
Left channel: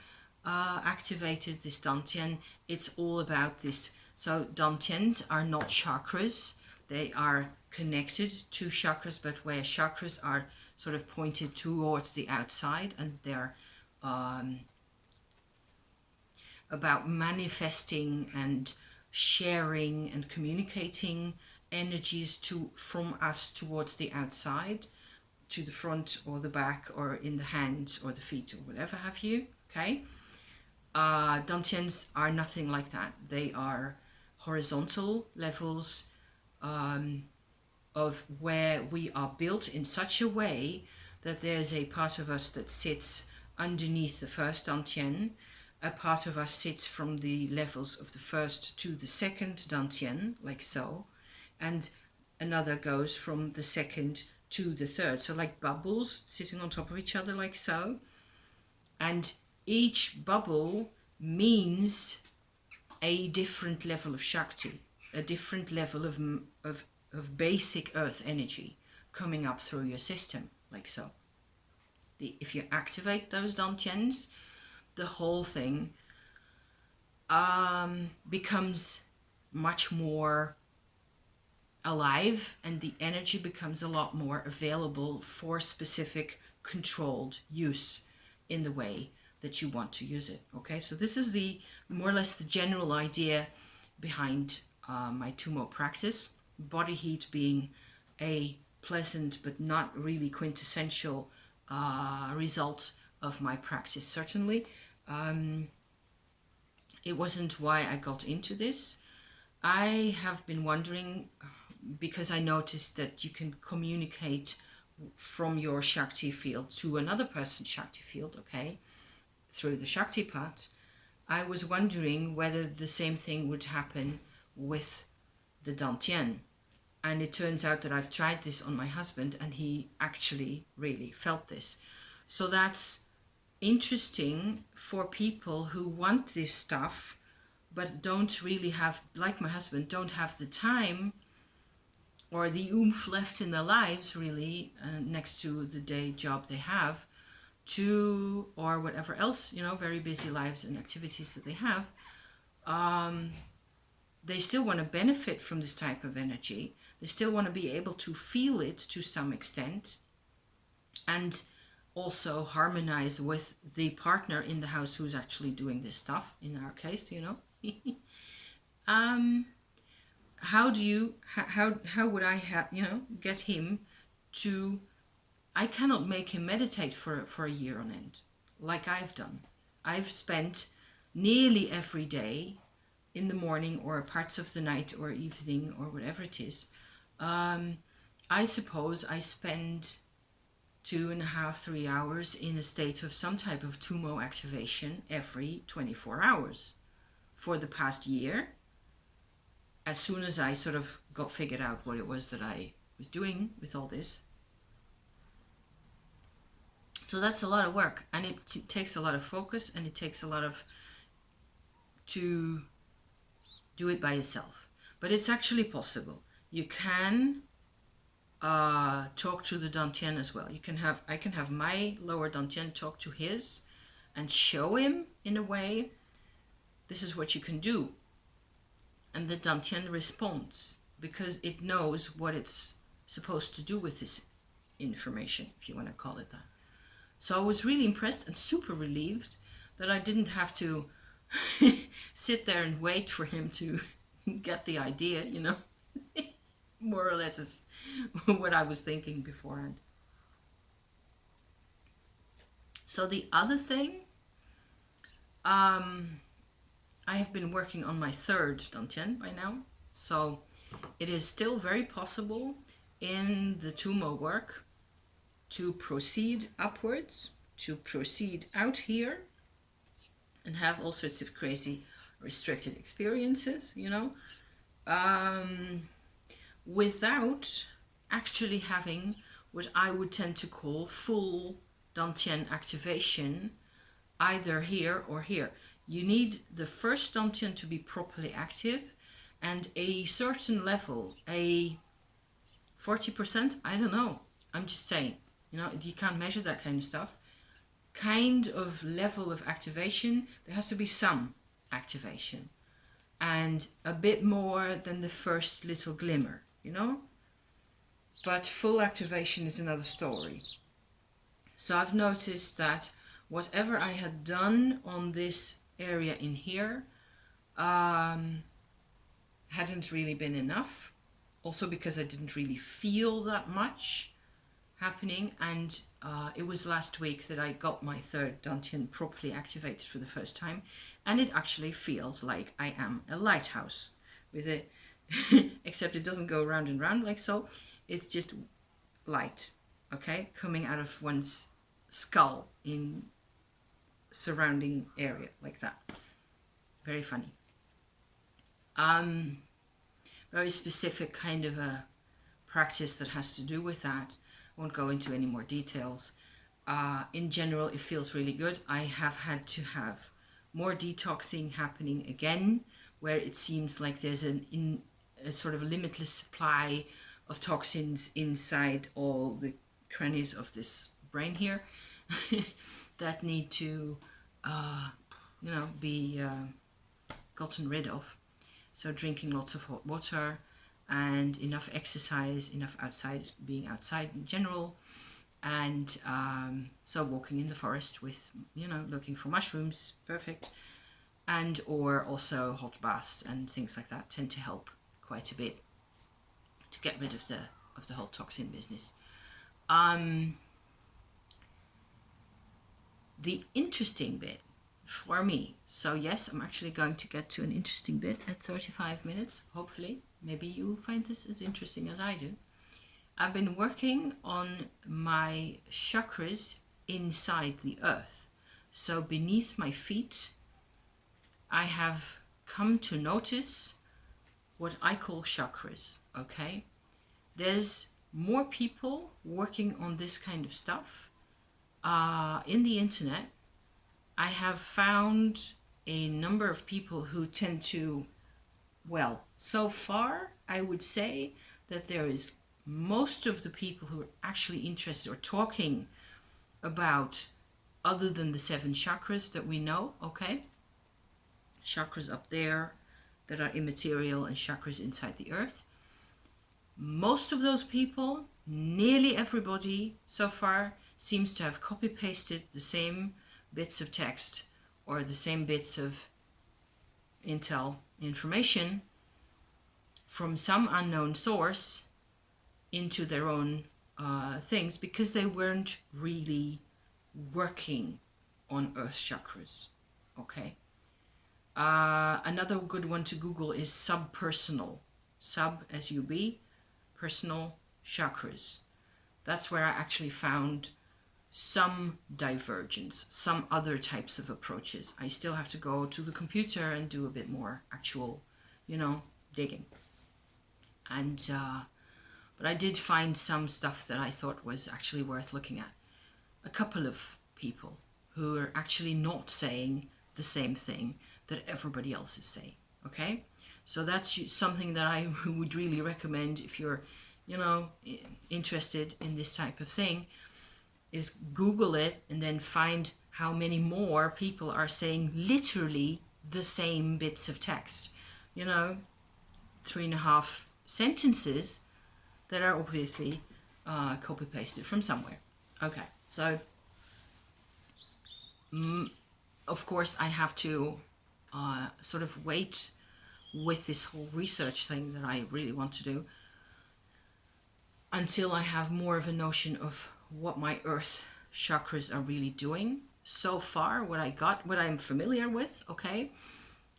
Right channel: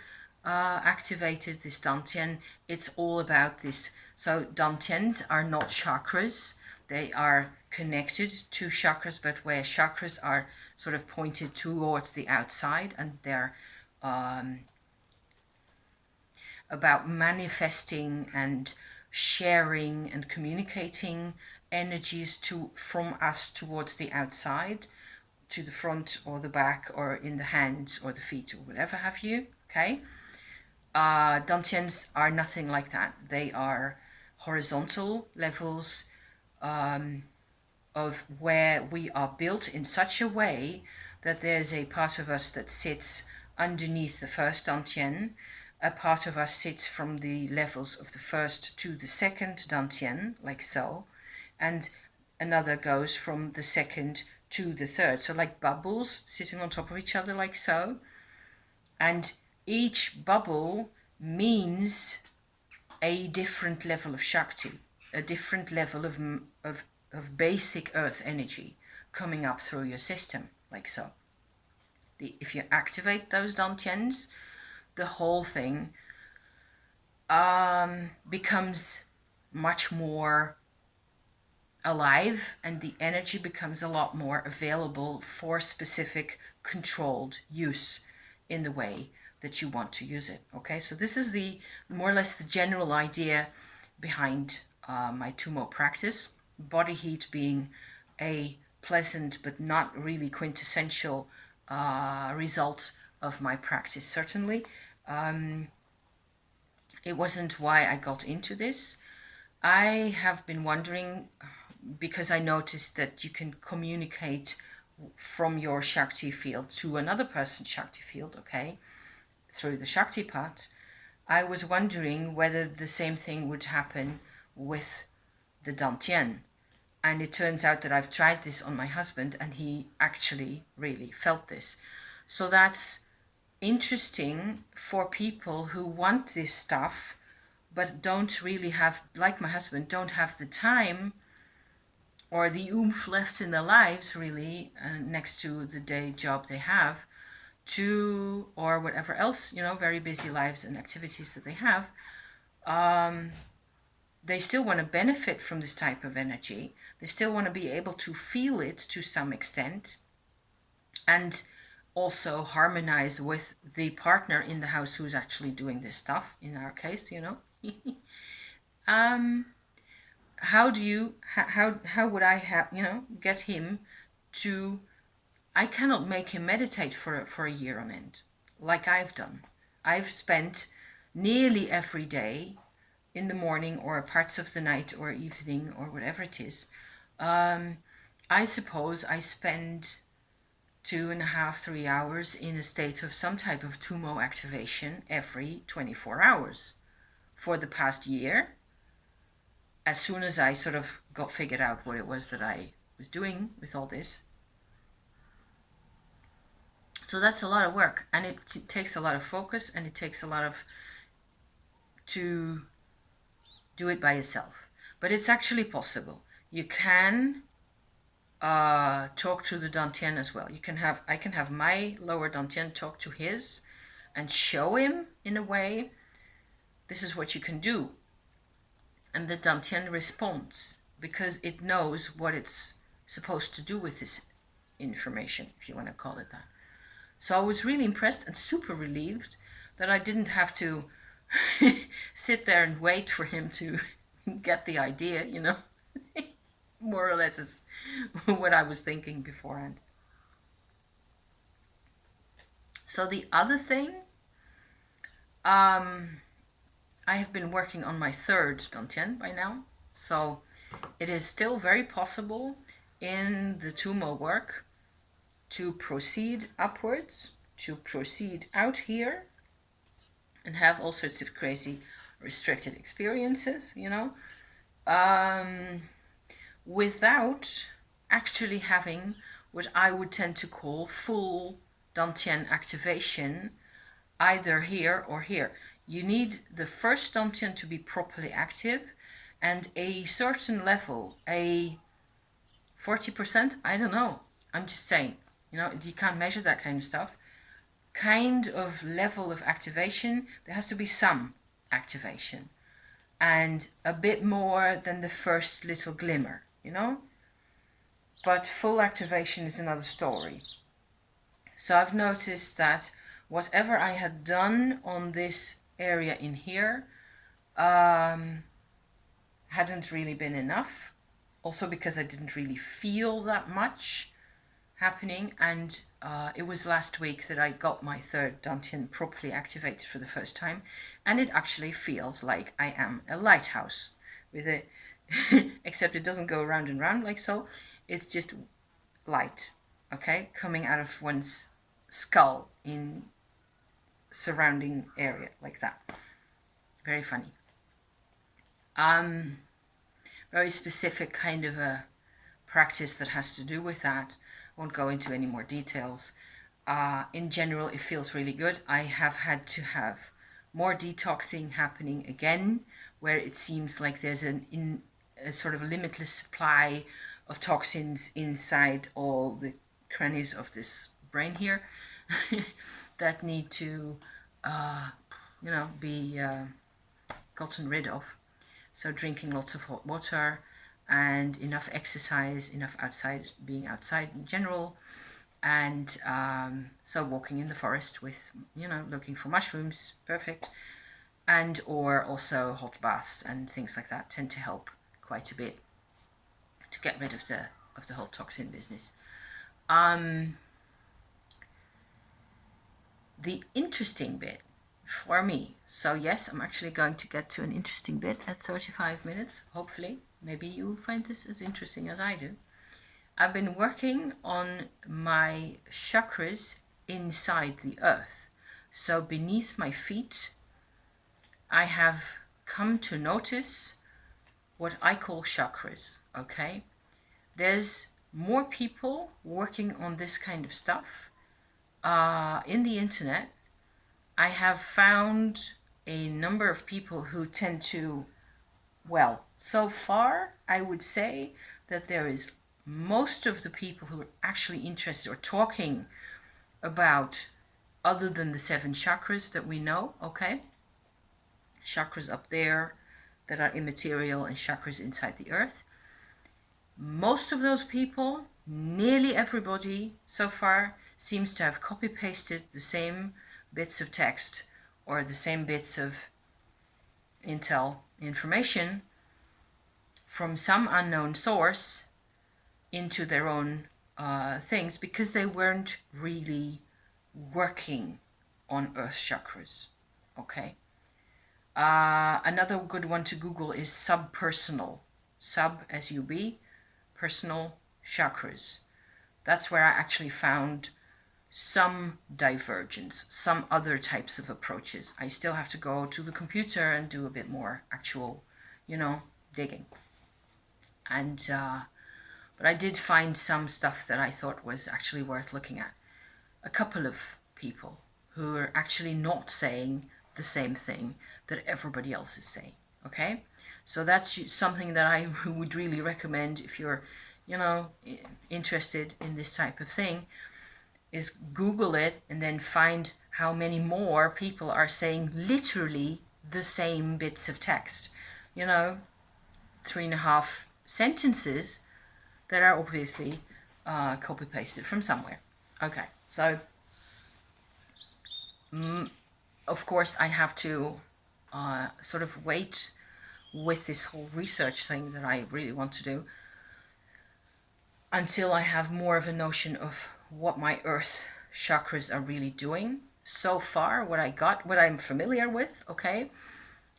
activated, this Dantian. It's all about this. So Dantians are not chakras. They are connected to chakras, but where chakras are sort of pointed towards the outside, and they're about manifesting and sharing and communicating energies from us towards the outside, to the front or the back or in the hands or the feet or whatever have you. Okay, Dantians are nothing like that. They are horizontal levels of where we are built in such a way that there's a part of us that sits underneath the first Dantian, a part of us sits from the levels of the first to the second Dantian, like so, and another goes from the second to the third, so like bubbles sitting on top of each other, like so. And each bubble means a different level of Shakti, a different level of basic earth energy, coming up through your system, like so. If you activate those Dantians, the whole thing becomes much more alive, and the energy becomes a lot more available for specific controlled use in the way that you want to use it. Okay, so this is the more or less the general idea behind my Tummo practice. Body heat being a pleasant but not really quintessential result of my practice. Certainly, it wasn't why I got into this. I have been wondering, because I noticed that you can communicate from your Shakti field to another person's Shakti field, okay, through the Shaktipat. I was wondering whether the same thing would happen with the Dantian. And it turns out that I've tried this on my husband, and he actually really felt this. So that's interesting for people who want this stuff, but don't really have, like my husband, don't have the time or the oomph left in their lives, really, next to the day job they have, to, or whatever else, very busy lives and activities that they have. They still want to benefit from this type of energy. They still want to be able to feel it to some extent, and also harmonize with the partner in the house who's actually doing this stuff, in our case, how would I get him to, I cannot make him meditate for a year on end, like I've done. I've spent nearly every day in the morning or parts of the night or evening or whatever it is. I suppose I spend 2.5, 3 hours in a state of some type of Tummo activation every 24 hours for the past year. As soon as I sort of got figured out what it was that I was doing with all this. So that's a lot of work, and it takes a lot of focus, and it takes a lot of to do it by yourself. But it's actually possible. You can talk to the Dantian as well. I can have my lower Dantian talk to his and show him in a way, this is what you can do. And the Dantian responds because it knows what it's supposed to do with this information, if you want to call it that. So I was really impressed and super relieved that I didn't have to sit there and wait for him to get the idea, More or less is what I was thinking beforehand. So the other thing, I have been working on my third Dantian by now. So it is still very possible in the Tummo work to proceed upwards, to proceed out here and have all sorts of crazy restricted experiences, without actually having what I would tend to call full Dantian activation, either here or here. You need the first Dantian to be properly active, and a certain level, a 40%, I don't know, I'm just saying, you can't measure that kind of stuff, kind of level of activation. There has to be some activation, and a bit more than the first little glimmer, But full activation is another story. So I've noticed that whatever I had done on this area in here hadn't really been enough. Also because I didn't really feel that much happening, and it was last week that I got my third Dantian properly activated for the first time, and it actually feels like I am a lighthouse with a except it doesn't go round and round like so. It's just light, okay, coming out of one's skull in surrounding area like that. Very funny. Very specific kind of a practice that has to do with that. Won't go into any more details. In general, it feels really good. I have had to have more detoxing happening again, where it seems like there's a sort of limitless supply of toxins inside all the crannies of this brain here that need to, be gotten rid of. So drinking lots of hot water and enough exercise, enough being outside in general, and so walking in the forest with, looking for mushrooms, perfect, and or also hot baths and things like that tend to help quite a bit to get rid of the whole toxin business. The interesting bit for me, so yes, I'm actually going to get to an interesting bit at 35 minutes, hopefully. Maybe you find this as interesting as I do. I've been working on my chakras inside the earth. So beneath my feet, I have come to notice what I call chakras, okay? There's more people working on this kind of stuff in the internet. I have found a number of people who tend to, well, so far I would say that there is most of the people who are actually interested or talking about other than the 7 chakras that we know, okay? Chakras up there that are immaterial and chakras inside the earth. Most of those people, nearly everybody so far, seems to have copy-pasted the same bits of text or the same bits of information from some unknown source into their own things, because they weren't really working on earth chakras, okay? Another good one to Google is subpersonal, S-U-B, personal chakras. That's where I actually found some divergence, some other types of approaches. I still have to go to the computer and do a bit more actual, digging. And but I did find some stuff that I thought was actually worth looking at. A couple of people who are actually not saying the same thing that everybody else is saying, okay? So that's something that I would really recommend if you're, interested in this type of thing, is Google it and then find how many more people are saying literally the same bits of text. 3.5 sentences that are obviously copy-pasted from somewhere. Okay, so of course I have to sort of wait with this whole research thing that I really want to do until I have more of a notion of what my earth chakras are really doing. So far, what I'm familiar with, okay,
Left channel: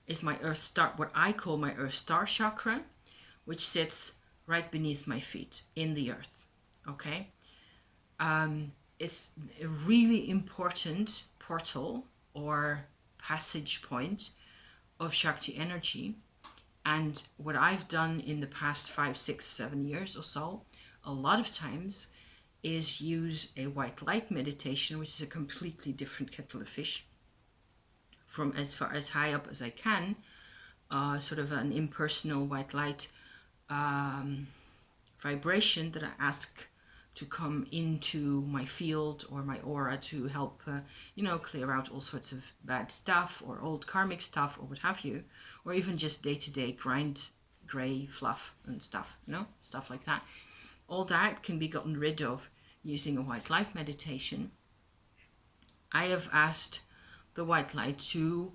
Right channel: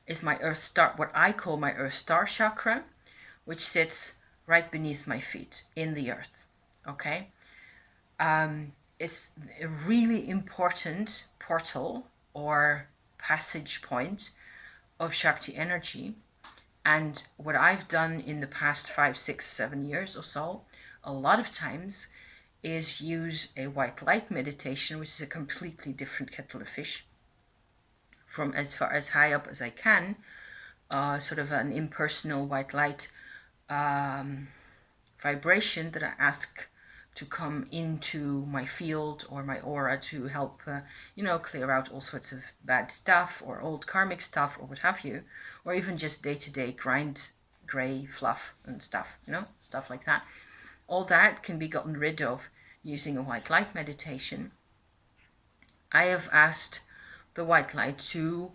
is my earth star, what I call my earth star chakra, which sits right beneath my feet in the earth, okay? It's a really important portal or passage point of Shakti energy. And what I've done in the past 5, 6, 7 years or so, a lot of times, is use a white light meditation, which is a completely different kettle of fish, from as far as high up as I can, sort of an impersonal white light vibration that I ask to come into my field or my aura to help, clear out all sorts of bad stuff or old karmic stuff or what have you, or even just day-to-day grind gray fluff and stuff, stuff like that. All that can be gotten rid of using a white light meditation. I have asked the white light to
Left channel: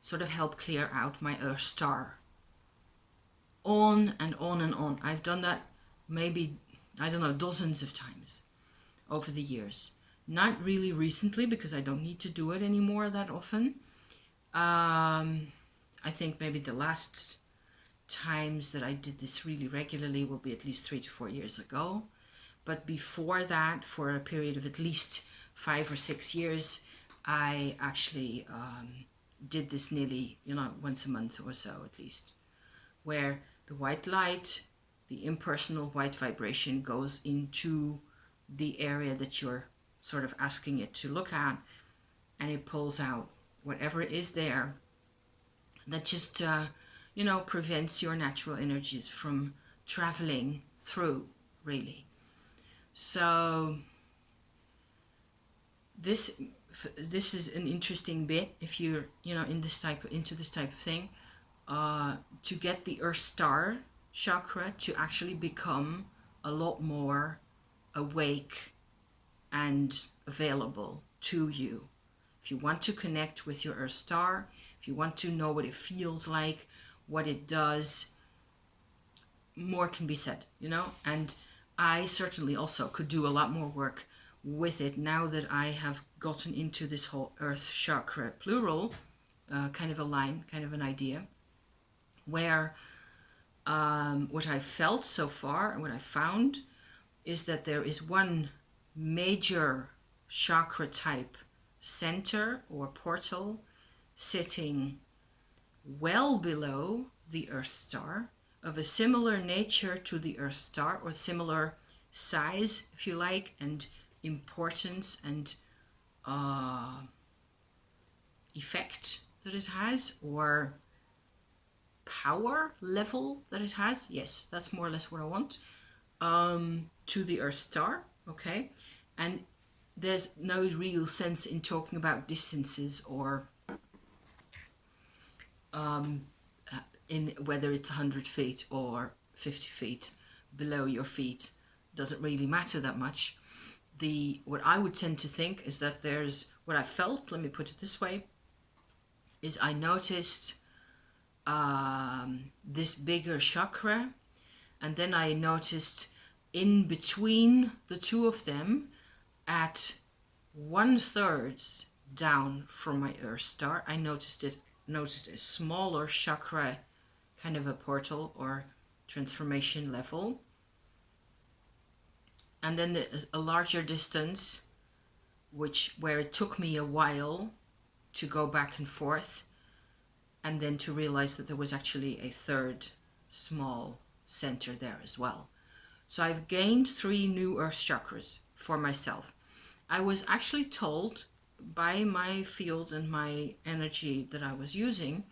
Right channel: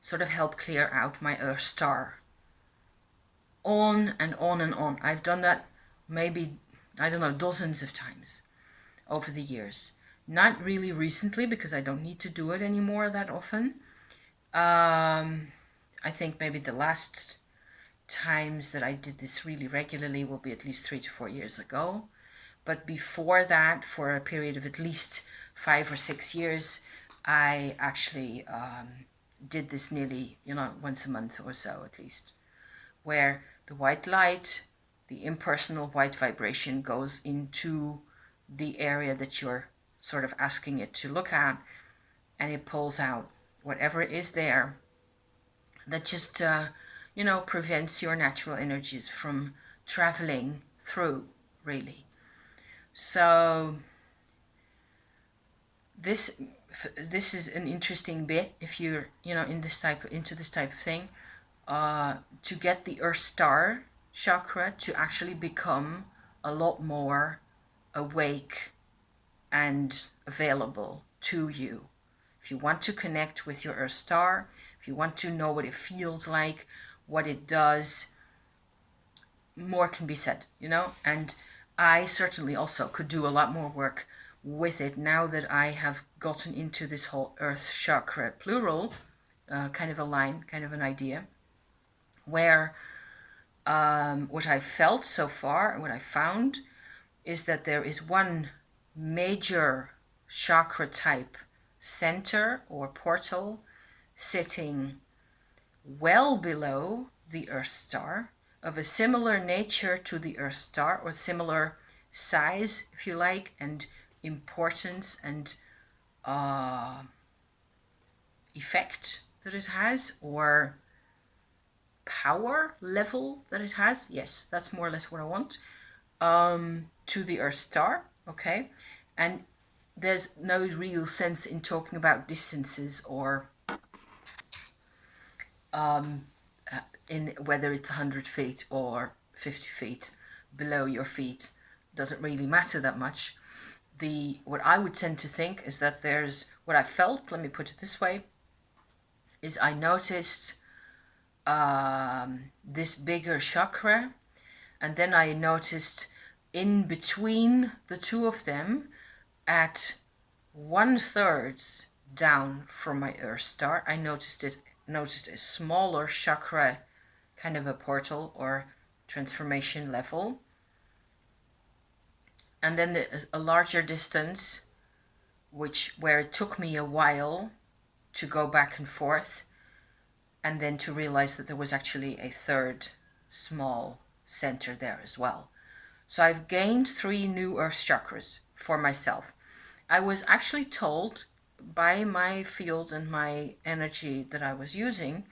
sort of help clear out my earth star. On and on and on. I've done that maybe, dozens of times over the years. Not really recently, because I don't need to do it anymore that often. I think maybe the last times that I did this really regularly will be at least 3 to 4 years ago. But before that, for a period of at least 5 or 6 years, I actually did this nearly, once a month or so at least, where the white light, the impersonal white vibration, goes into the area that you're sort of asking it to look at, and it pulls out whatever is there that just, prevents your natural energies from traveling through, really. So this is an interesting bit if you're into this type of thing, to get the Earth Star chakra to actually become a lot more awake and available to you. If you want to connect with your Earth Star, if you want to know what it feels like, what it does, more can be said, and I certainly also could do a lot more work with it now that I have gotten into this whole Earth chakra plural kind of a line, kind of an idea, where what I felt so far and what I found is that there is one major chakra type center or portal sitting well below the Earth Star, of a similar nature to the Earth Star, or similar size, if you like, and importance and effect that it has, or power level that it has. Yes, that's more or less what I want. To the Earth Star, okay? And there's no real sense in talking about distances or in whether it's 100 feet or 50 feet below your feet. Doesn't really matter that much. What I would tend to think is that there's, what I felt, let me put it this way, is I noticed this bigger chakra, and then I noticed in between the two of them, at 1/3 down from my Earth Star, I noticed a smaller chakra, kind of a portal or transformation level, and then a larger distance, where it took me a while to go back and forth, and then to realize that there was actually a third small center there as well. So I've gained 3 new Earth chakras for myself. I was actually told by my field and my energy that I was using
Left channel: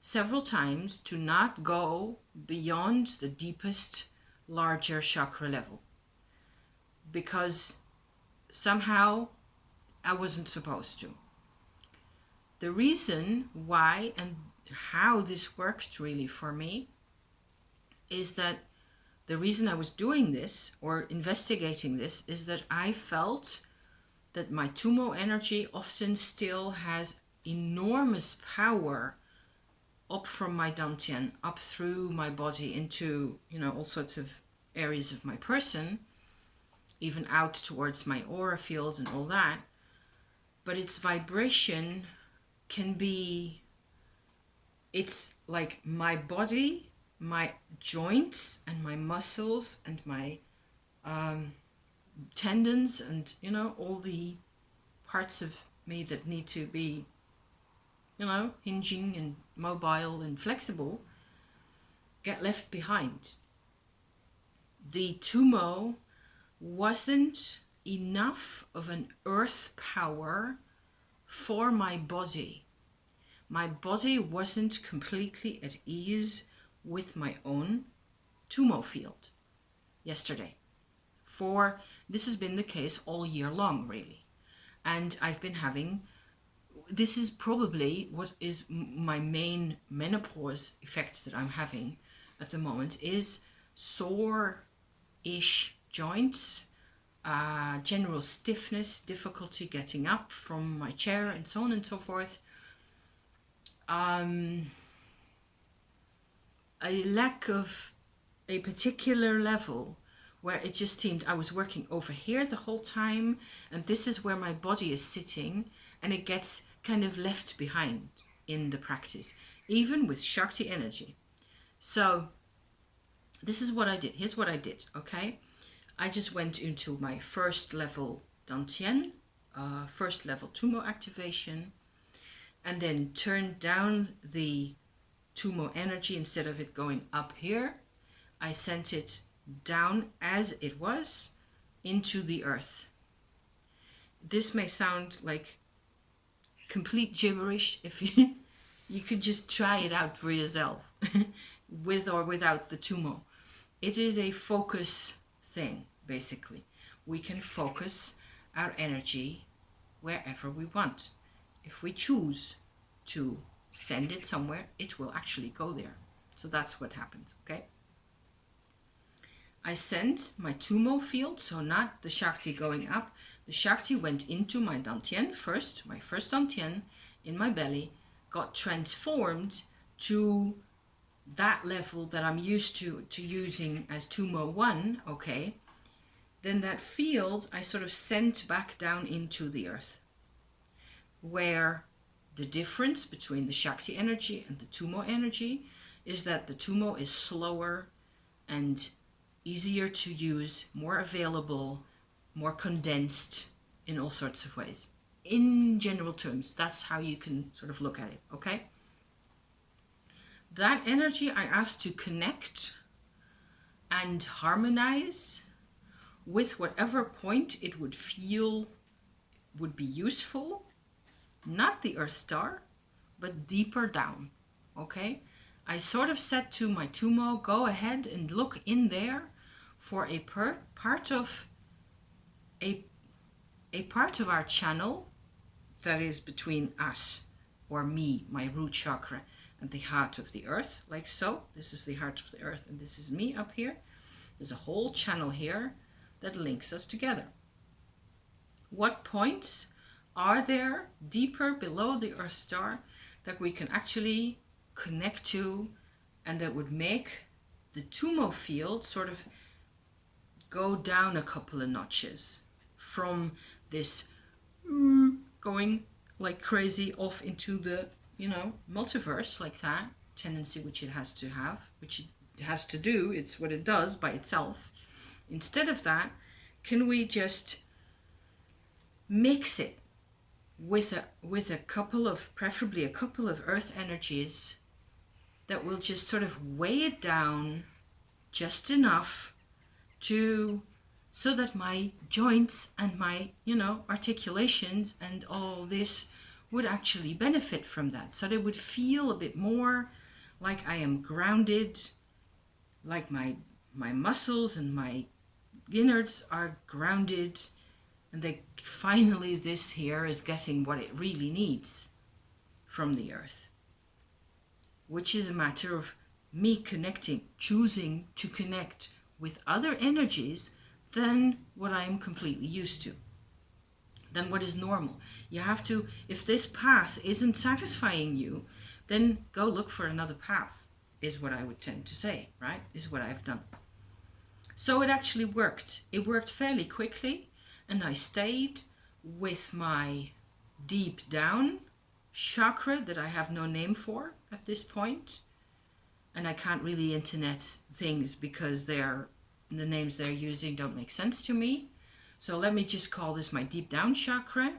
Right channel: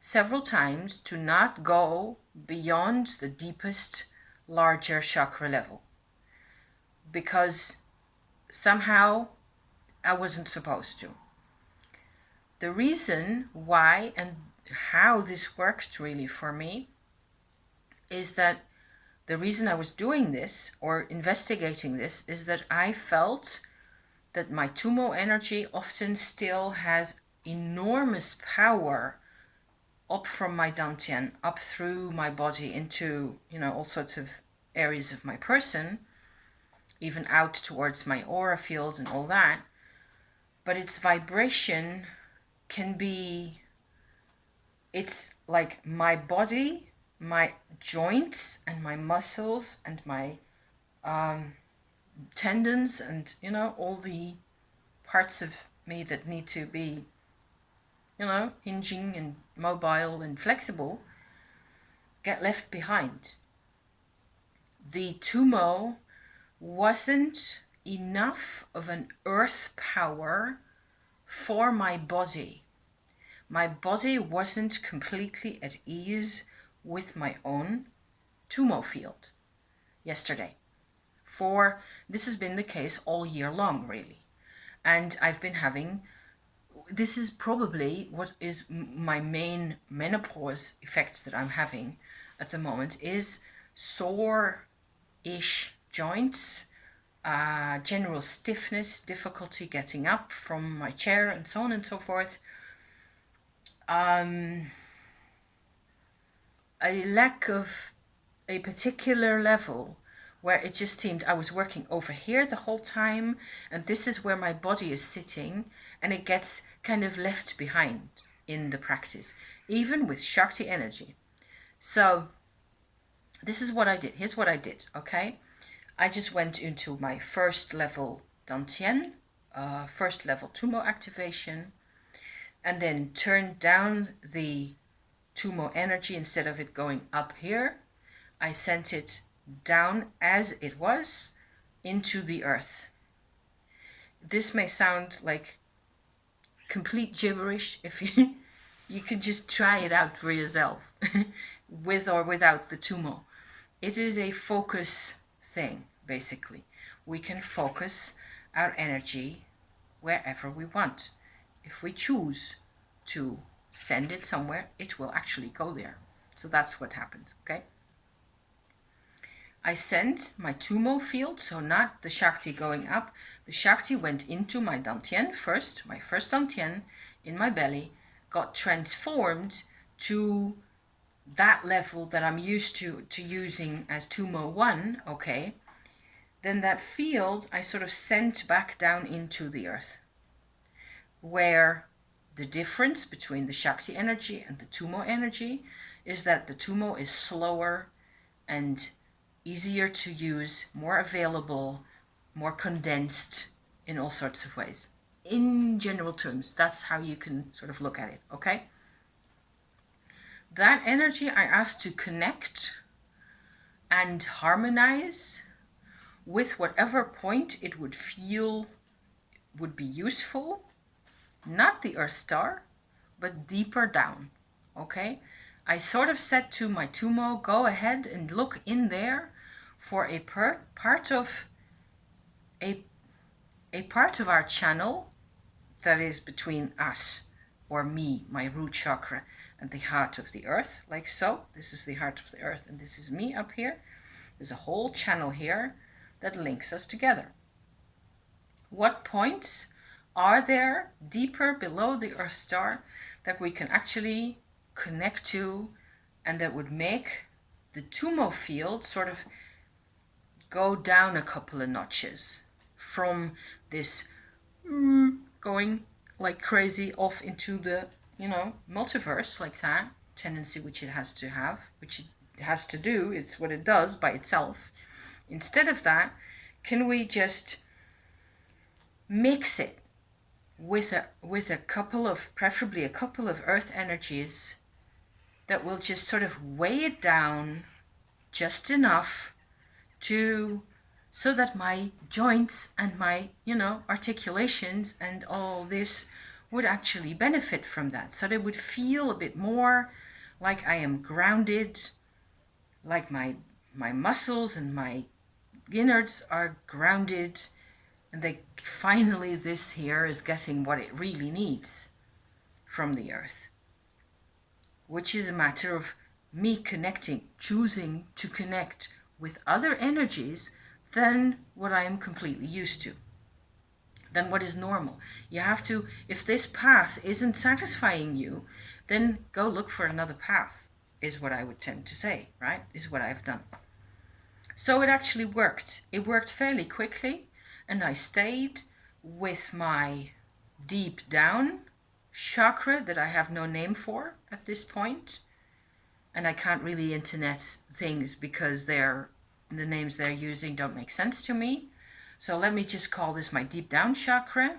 several times to not go beyond the deepest, larger chakra level, because somehow I wasn't supposed to. The reason why and how this worked really for me is that the reason I was doing this or investigating this is that I felt that my Tummo energy often still has enormous power up from my Dantian, up through my body into, all sorts of areas of my person, even out towards my aura fields and all that. But its vibration can be, it's like my body, my joints and my muscles and my tendons and, all the parts of me that need to be, hinging and mobile and flexible, get left behind. The Tummo wasn't enough of an earth power for my body. My body wasn't completely at ease with my own Tummo field yesterday. This has been the case all year long, really. And I've been having, this is probably what is my main menopause effects that I'm having at the moment, is sore-ish joints, general stiffness, difficulty getting up from my chair, and so on and so forth. A lack of a particular level where it just seemed I was working over here the whole time, and this is where my body is sitting, and it gets kind of left behind in the practice, even with Shakti energy. So this is what I did. Here's what I did, okay? I just went into my first level Dantian, first level Tummo activation, and then turned down the Tummo energy. Instead of it going up here, I sent it down as it was into the earth. This may sound like complete gibberish if you could just try it out for yourself with or without the Tummo. It is a focus thing, basically. We can focus our energy wherever we want. If we choose to send it somewhere, it will actually go there. So that's what happens, okay? I sent my Tummo field, so not the Shakti going up. The Shakti went into my Dantien first, my first Dantien in my belly, got transformed to that level that I'm used to using as Tummo 1, okay? Then that field I sort of sent back down into the earth, where the difference between the Shakti energy and the Tummo energy is that the Tummo is slower and easier to use, more available, more condensed in all sorts of ways. In general terms, that's how you can sort of look at it, okay? That energy I asked to connect and harmonize with whatever point it would feel would be useful, not the Earth star, but deeper down, okay? I sort of said to my Tummo, go ahead and look in there for a part of our channel that is between us, or me, my root chakra, and the heart of the earth, like so. This is the heart of the earth, and this is me up here. There's a whole channel here that links us together. What points are there deeper below the Earth star that we can actually connect to, and that would make the Tummo field sort of go down a couple of notches from this going like crazy off into the, multiverse, like that tendency which it has to have, which it has to do, it's what it does by itself. Instead of that, can we just mix it with a couple of, preferably a couple of earth energies that will just sort of weigh it down just enough so that my joints and my, articulations and all this would actually benefit from that. So they would feel a bit more like I am grounded, like my muscles and my innards are grounded, and they finally, this here is getting what it really needs from the earth, which is a matter of me choosing to connect with other energies than what I am completely used to, than what is normal. You have to, if this path isn't satisfying you, then go look for another path, is what I would tend to say, right? Is what I've done. So it actually worked. It worked fairly quickly, and I stayed with my deep down chakra that I have no name for at this point. And I can't really internet things because the names they're using don't make sense to me. So let me just call this my deep down chakra,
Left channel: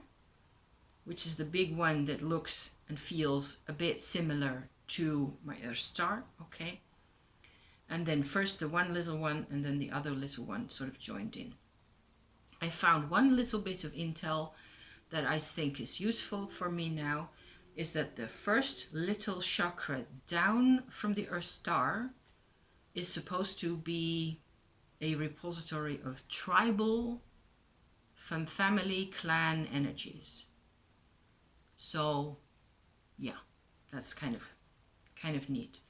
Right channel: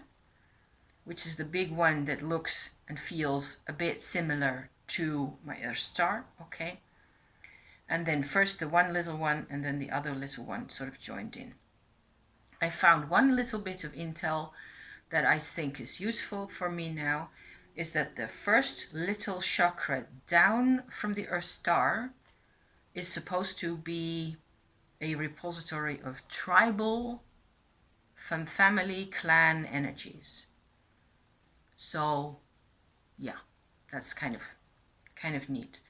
which is the big one that looks and feels a bit similar to my Earth star, okay? And then first the one little one and then the other little one sort of joined in. I found one little bit of intel that I think is useful for me now, is that the first little chakra down from the Earth star is supposed to be a repository of tribal, family, clan energies. So, yeah, that's kind of neat.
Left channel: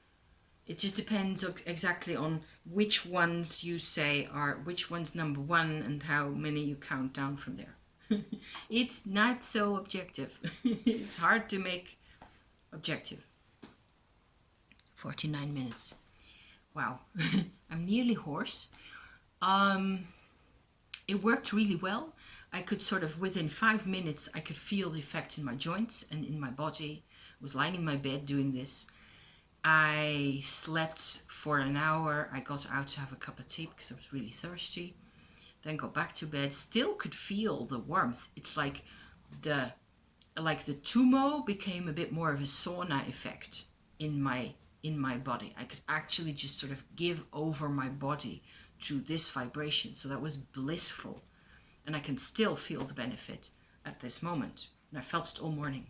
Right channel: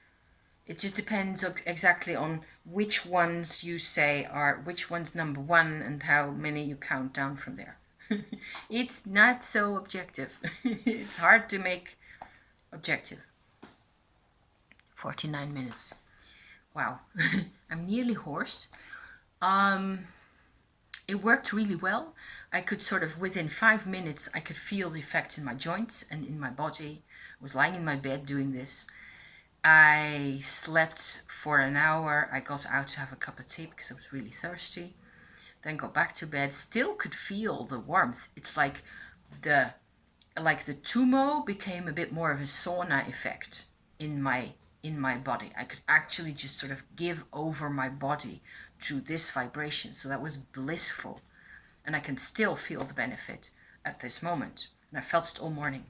It just depends exactly on which ones you say are, which one's number one and how many you count down from there. It's not so objective. It's hard to make objective. 49 minutes. Wow. I'm nearly hoarse. It worked really well. I could sort of, within 5 minutes, I could feel the effect in my joints and in my body. I was lying in my bed doing this. I slept for an hour. I got out to have a cup of tea because I was really thirsty. Then got back to bed. Still could feel the warmth. It's like the Tummo became a bit more of a sauna effect in my body. I could actually just sort of give over my body to this vibration. So that was blissful. And I can still feel the benefit at this moment. And I felt it all morning.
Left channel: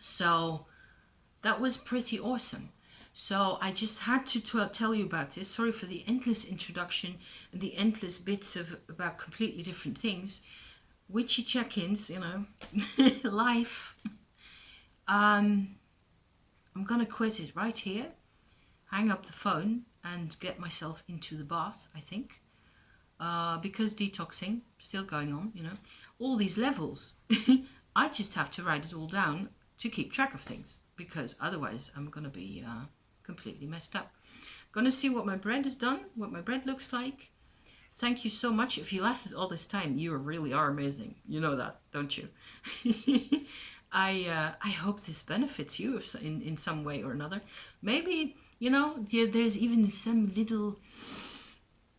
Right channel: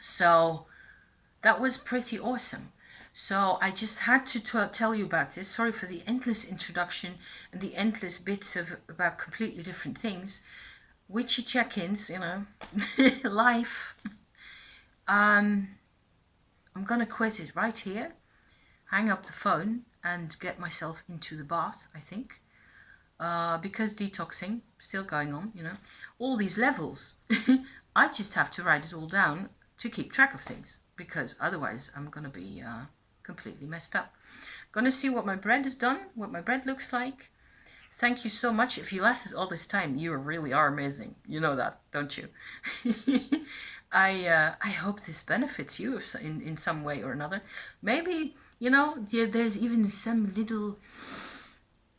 So that was pretty awesome. So I just had to tell you about this. Sorry for the endless introduction and the endless bits about completely different things. Witchy check-ins, you know, life. I'm gonna quit it right here, hang up the phone and get myself into the bath, I think. Because detoxing still going on, you know, all these levels. I just have to write it all down to keep track of things, because otherwise I'm gonna be completely messed up. Gonna see what my bread has done, what my bread looks like. Thank you so much. If you lasted all this time, you really are amazing. You know that, don't you? I hope this benefits you in some way or another. Maybe, you know, there's even some little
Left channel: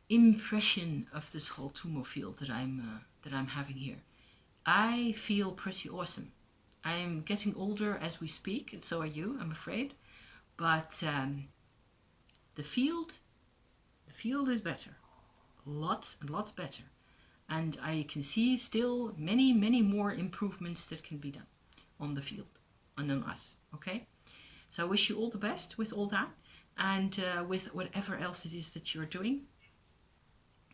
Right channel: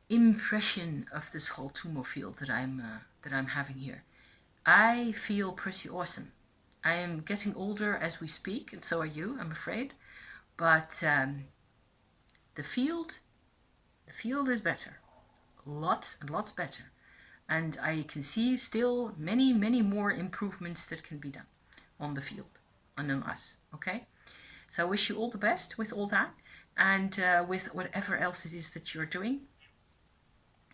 impression of this whole Tummo field that I'm having here. I feel pretty awesome. I am getting older as we speak, and so are you, I'm afraid. But the field is better, lots and lots better, and I can see still many more improvements that can be done on the field and on us. Okay, so I wish you all the best with all that, and with whatever else it is that you're doing.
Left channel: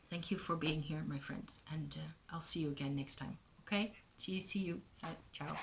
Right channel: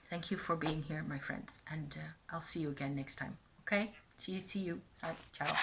Thank you for being here, my friends, and I'll see you again next time. Okay, see you. Ciao.